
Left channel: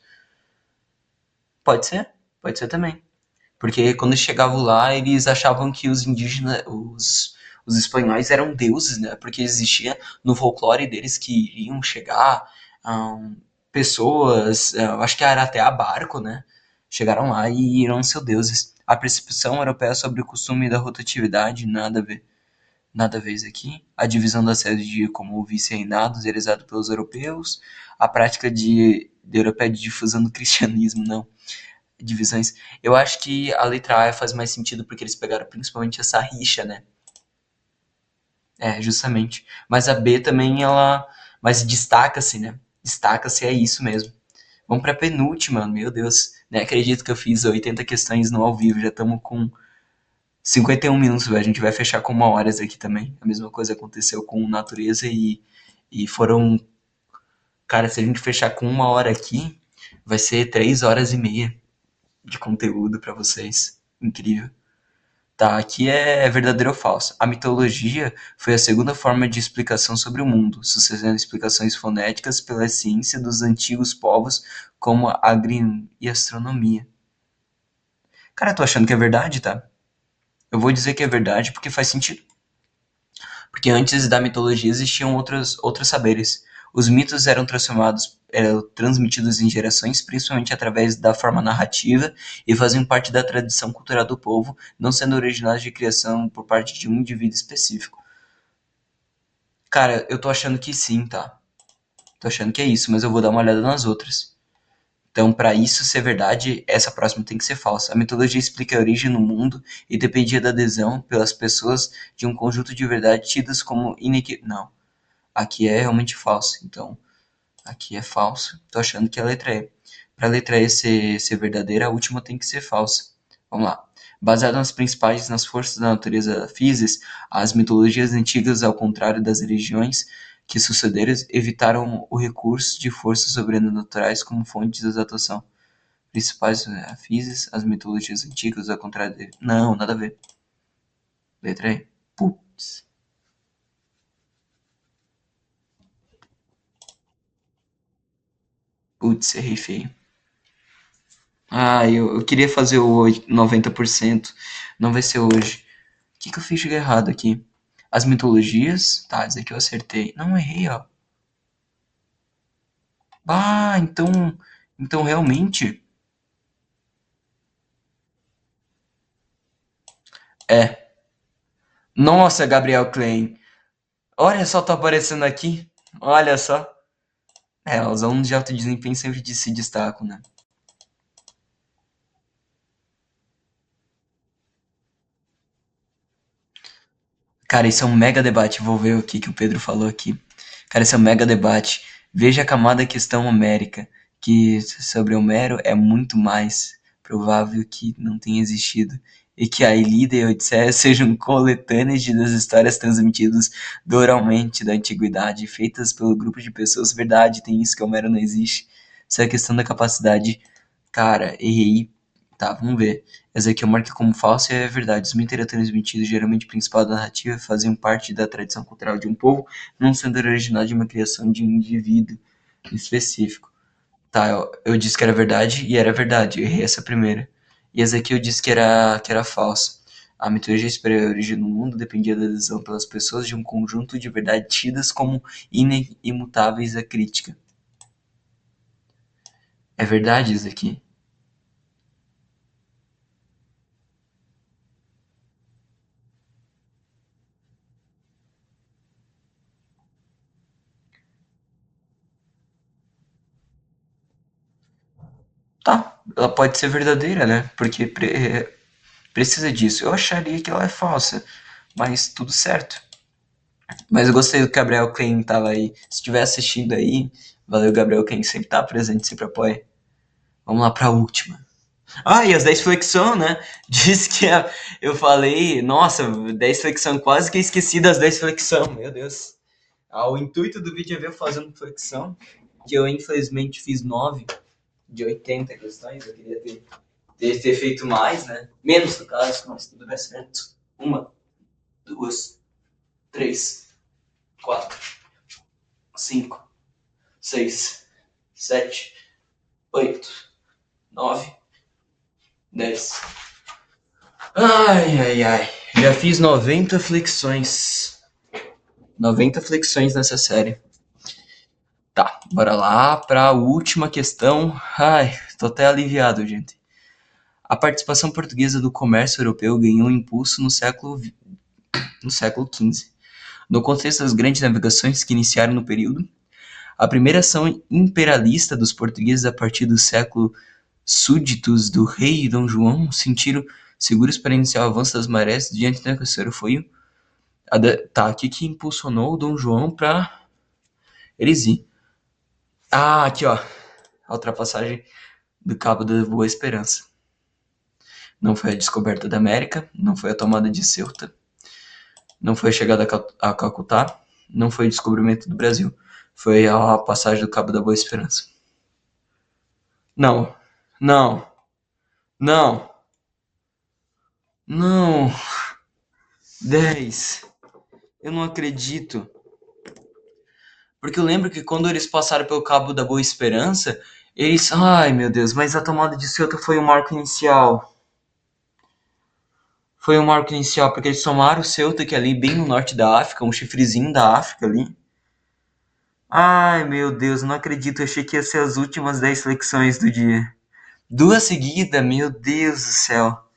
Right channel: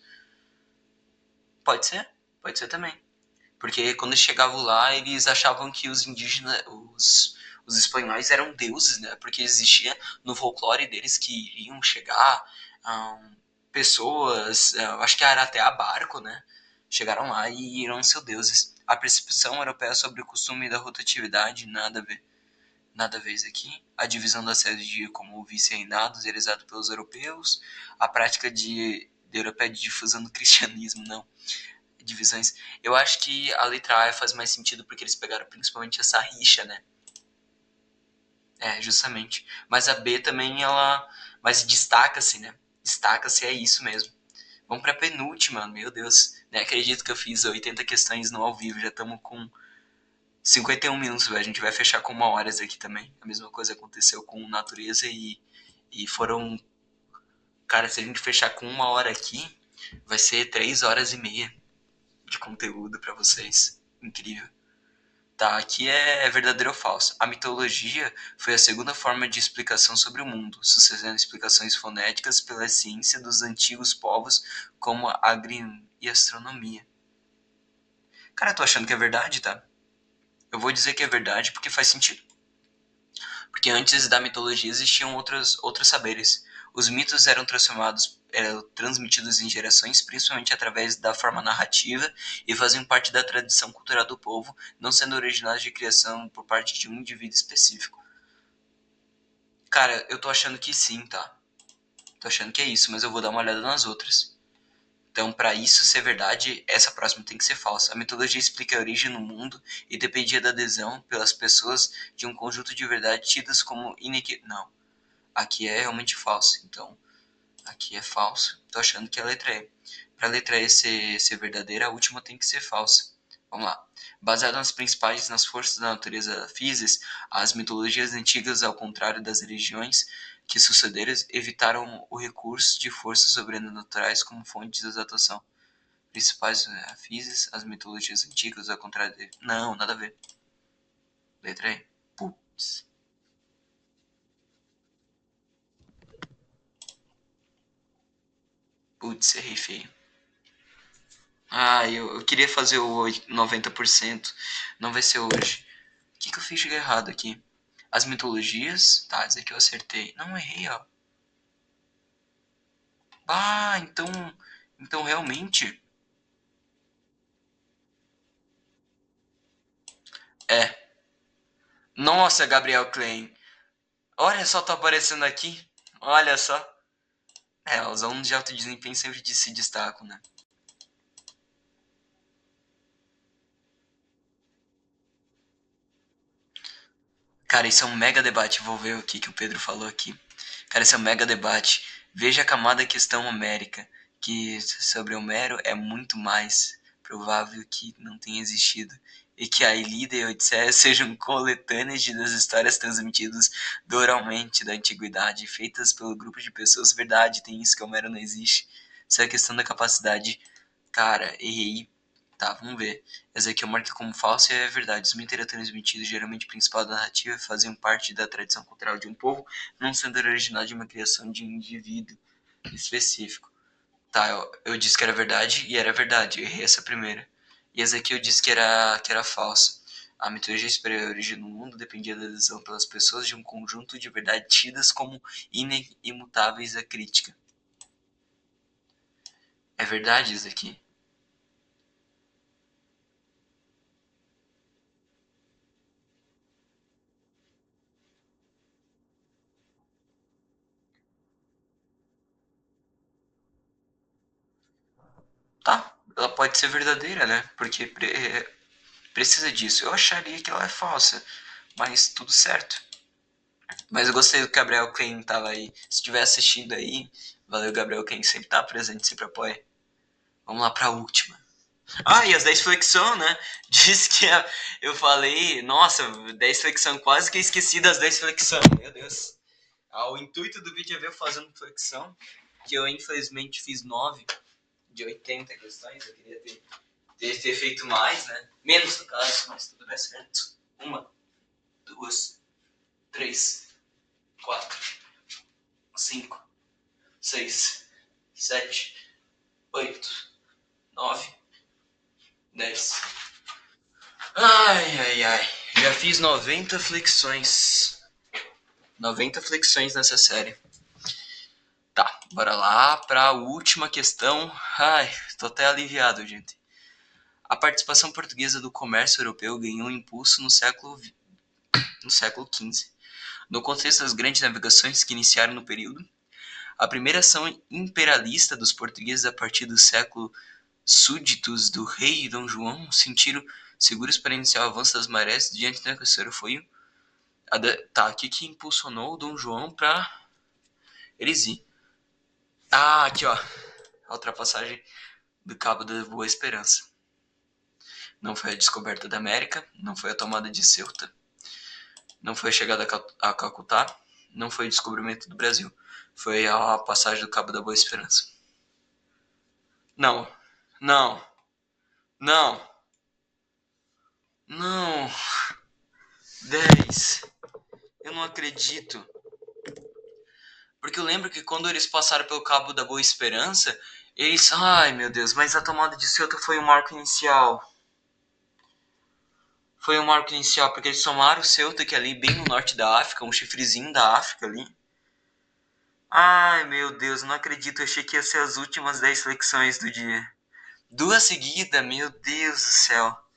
Pode ser também. Porque quando chegavam lá, eles achavam que os indígenas, os espanhóis eram deuses, né? Porque existia no folclore deles que iriam chegar pessoas, acho que era até a barco, né? Chegaram lá e irão ser deuses. A percepção europeia sobre o costume da rotatividade, nada a ver. Nada a ver isso aqui. A divisão da sede como vice-reinados, realizado pelos europeus. A prática de europeia de difusão do cristianismo, não divisões. Eu acho que a letra A faz mais sentido porque eles pegaram principalmente essa rixa, né? É, justamente. Mas a B também, ela. Mas destaca-se, né? Destaca-se, é isso mesmo. Vamos pra penúltima, meu Deus. Nem acredito que eu fiz 80 questões no ao vivo. Já estamos com 51 minutos, velho. A gente vai fechar com 1 hora aqui também. A mesma coisa aconteceu com natureza e foram. Cara, se a gente fechar com 1 hora aqui, vai ser 3 horas e meia de conteúdo pra vocês. Incrível. Tá, aqui é verdadeiro ou falso. A mitologia foi a segunda forma de explicação sobre o mundo, sucedendo explicações fonéticas pela ciência dos antigos povos, como a agri e astronomia. Cara, eu tô achando que é verdade, tá? Eu vou dizer que é verdade porque faz sentido. Porque antes da mitologia existiam outros saberes. Os mitos eram transmitidos em gerações, principalmente através da forma narrativa, e faziam parte da tradição cultural do povo, não sendo originários de criação por parte de um indivíduo específico. Cara, eu tô achando que sim, tá? Tô achando que é isso, mas eu vou dar uma olhada nas outras. Então, para isso ser verdade, essa próxima tem que ser falsa. A mitologia explica a origem no mundo e dependia da adesão pelas pessoas de um conjunto de verdades tidas como inequívoco. Não, aqui é realmente falso. Então, aqui é falso. Tô achando que é a letra E. Para a letra E ser verdadeira, a última tem que ser falsa. Vamos lá. Baseado nas forças da natureza físicas, as mitologias antigas, ao contrário das religiões que sucederam, evitaram o recurso de forças sobrenaturais como fontes de exaltação. Principais físicas, as mitologias antigas, ao contrário de... Não, nada a ver. Letra E. Putz. Putz, errei feio. Ah, eu queria fazer o 90%. Não vai ser hoje. O que eu fiz de errado aqui? As mitologias. Tá, dizer que eu acertei. Não, errei, ó. Ah, então. Então realmente. É. Nossa, Gabriel Klein. Olha só, tô aparecendo aqui. Olha só. É, os alunos de alto desempenho sempre se destacam, né? Cara, isso é um mega debate. Vou ver o que o Pedro falou aqui. Cara, isso é um mega debate. Veja a camada questão homérica, que sobre Homero é muito mais provável que não tenha existido. E que a Ilíada e a Odisseia sejam coletâneas das histórias transmitidas oralmente da antiguidade, feitas pelo grupo de pessoas. Verdade, tem isso que Homero não existe. Isso é a questão da capacidade. Cara, errei Tá, vamos ver. Essa aqui eu marquei como falsa e é verdade. Os mitos eram transmitidos, geralmente principal da narrativa, faziam parte da tradição cultural de um povo, não sendo original de uma criação de um indivíduo específico. Tá, eu disse que era verdade e era verdade. Eu errei essa primeira. E essa aqui eu disse que era falsa. A mitologia superior origem no mundo dependia da adesão pelas pessoas de um conjunto de verdades tidas como imutáveis à crítica. É verdade isso aqui? Tá, ela pode ser verdadeira, né? Porque precisa disso. Eu acharia que ela é falsa, mas tudo certo. Mas eu gostei do Gabriel Klein tava aí. Se estiver assistindo aí, valeu, Gabriel Klein, sempre tá presente, sempre apoia. Vamos lá pra última. Ah, e as 10 flexão, né? Diz que eu falei, nossa, 10 flexão, quase que esqueci das 10 flexão, meu Deus. O intuito do vídeo é ver eu fazendo flexão, que eu infelizmente fiz 9 de 80 questões, eu queria ter feito mais, né? Menos no caso, mas tudo bem certo. Uma, duas, três, quatro, cinco, seis, sete, oito, nove, 10. Ai, ai, ai. Já fiz 90 flexões. 90 flexões nessa série. Tá, bora lá pra última questão. Ai, tô até aliviado, gente. A participação portuguesa do comércio europeu ganhou impulso no século XV. No contexto das grandes navegações que iniciaram no período, a primeira ação imperialista dos portugueses a partir do século, súditos do rei Dom João sentiram seguros para iniciar o avanço das marés diante da conquista. Foi tá, o que impulsionou o Dom João para eles ir? Ah, aqui ó, a ultrapassagem do Cabo da Boa Esperança. Não foi a descoberta da América, não foi a tomada de Ceuta, não foi a chegada a Calcutá, não foi o descobrimento do Brasil, foi a passagem do Cabo da Boa Esperança. Não, não, não, não. 10. Eu não acredito. Porque eu lembro que quando eles passaram pelo Cabo da Boa Esperança, eles. Ai meu Deus, mas a tomada de Ceuta foi o marco inicial. Foi o marco inicial, porque eles tomaram o Ceuta, que é ali bem no norte da África, um chifrezinho da África ali. Ai meu Deus, não acredito, eu achei que ia ser as últimas 10 flexões do dia. Duas seguidas, meu Deus do céu.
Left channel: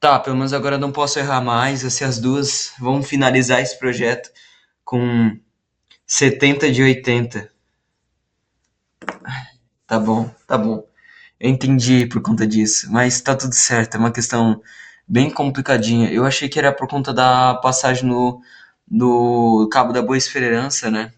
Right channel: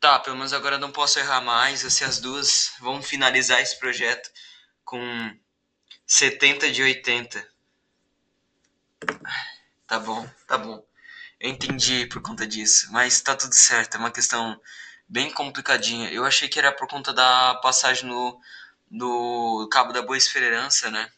Tá, pelo menos agora não posso errar mais, assim as duas. Vamos finalizar esse projeto com 70 de 80. Tá bom, tá bom. Eu entendi por conta disso, mas tá tudo certo. É uma questão bem complicadinha. Eu achei que era por conta da passagem no Cabo da Boa Esperança, né?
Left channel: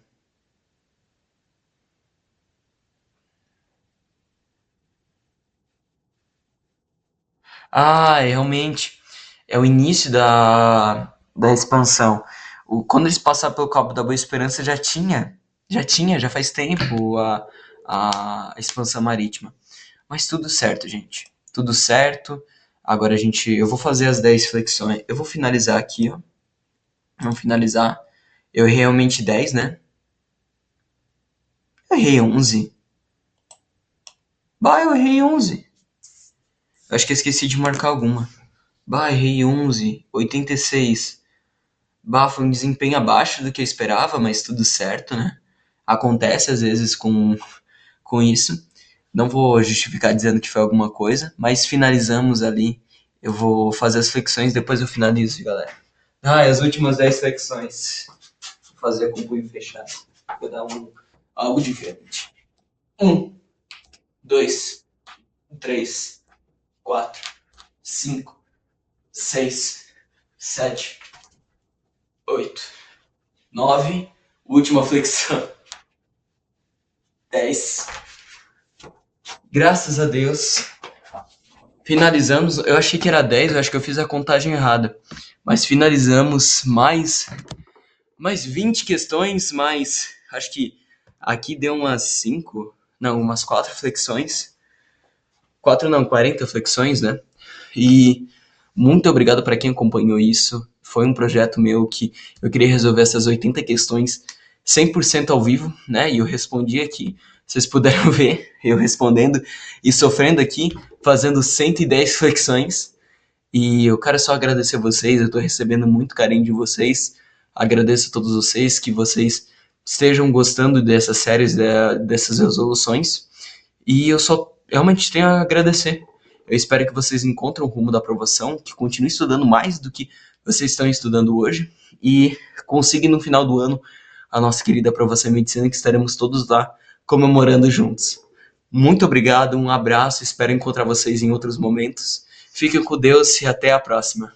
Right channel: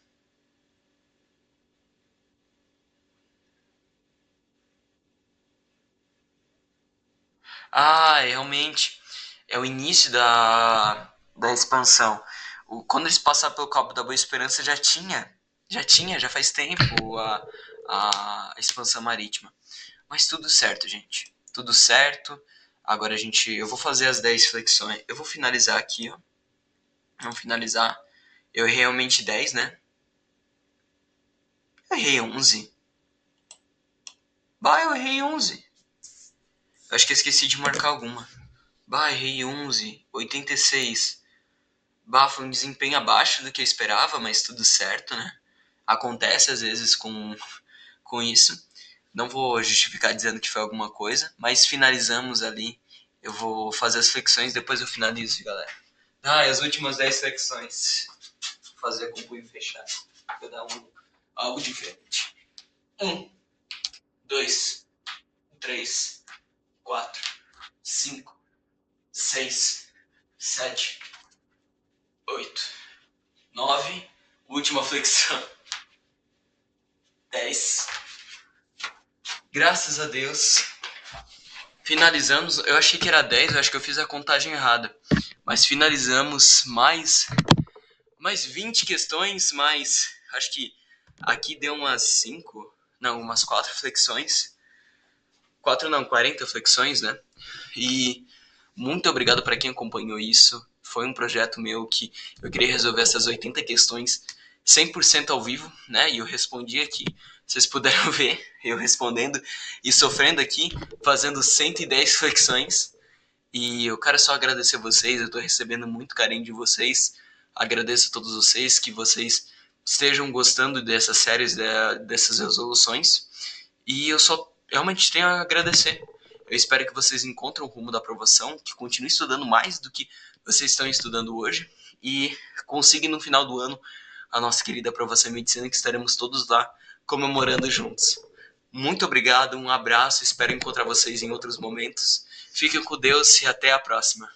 Ah, realmente. É o início da expansão. Quando eles passaram pelo Cabo da Boa Esperança já faz tempo a expansão marítima. Mas tudo certo, gente. Tudo certo. Agora eu vou fazer as 10 flexões. Eu vou finalizar aqui, ó. Vamos finalizar. Eu errei realmente 10, né? Eu errei 11. Bah, eu errei 11. Eu acho que eu esqueci de marcar alguma. Bah, errei 11. 86. Bah, foi um desempenho abaixo do que eu esperava, mas tudo certo, né? Acontece às vezes com isso. Não vou justificar dizendo que foi alguma coisa, mas finalizamos ali. Eu vou fazer as flexões, depois eu finalizo, galera. Ah, e as últimas 10 flexões. Vou fazer com o punho fechado. Vou dar algo diferente. 2, 3, 4, 5, 6, 7, 8, 9. Última flexão. 10. Graças a Deus. Finalizamos. Eu achei que era 10, eu acho que eu fiz a contagem errada. Mas finalizamos mais 20 questões, mais. Acho que aqui deu umas 5. Não, umas 4 flexões. 4 não, 40 flexões, né? E muito obrigado para quem acompanhou isso. Foi um projeto meu que eu queria resolver essas 80 questões 100% ao vivo, né? E eu respondi aqui. Vocês puderam ver eu respondendo e sofrendo aqui, fazendo 110 flexões. E eu quero só agradecer a vocês, eu estou recebendo muito carinho de vocês. Agradeço a todos vocês, que vocês estejam gostando dessas séries, dessas resoluções. E eu só realmente tenho a agradecer. Eu espero que vocês encontrem o rumo da aprovação, que continuem estudando mais do que vocês estão estudando hoje e consigam no final do ano a nossa querida aprovação em medicina, que estaremos todos lá comemorando juntos. Muito obrigado, um abraço, espero encontrar vocês em outros momentos. Fiquem com Deus e até a próxima.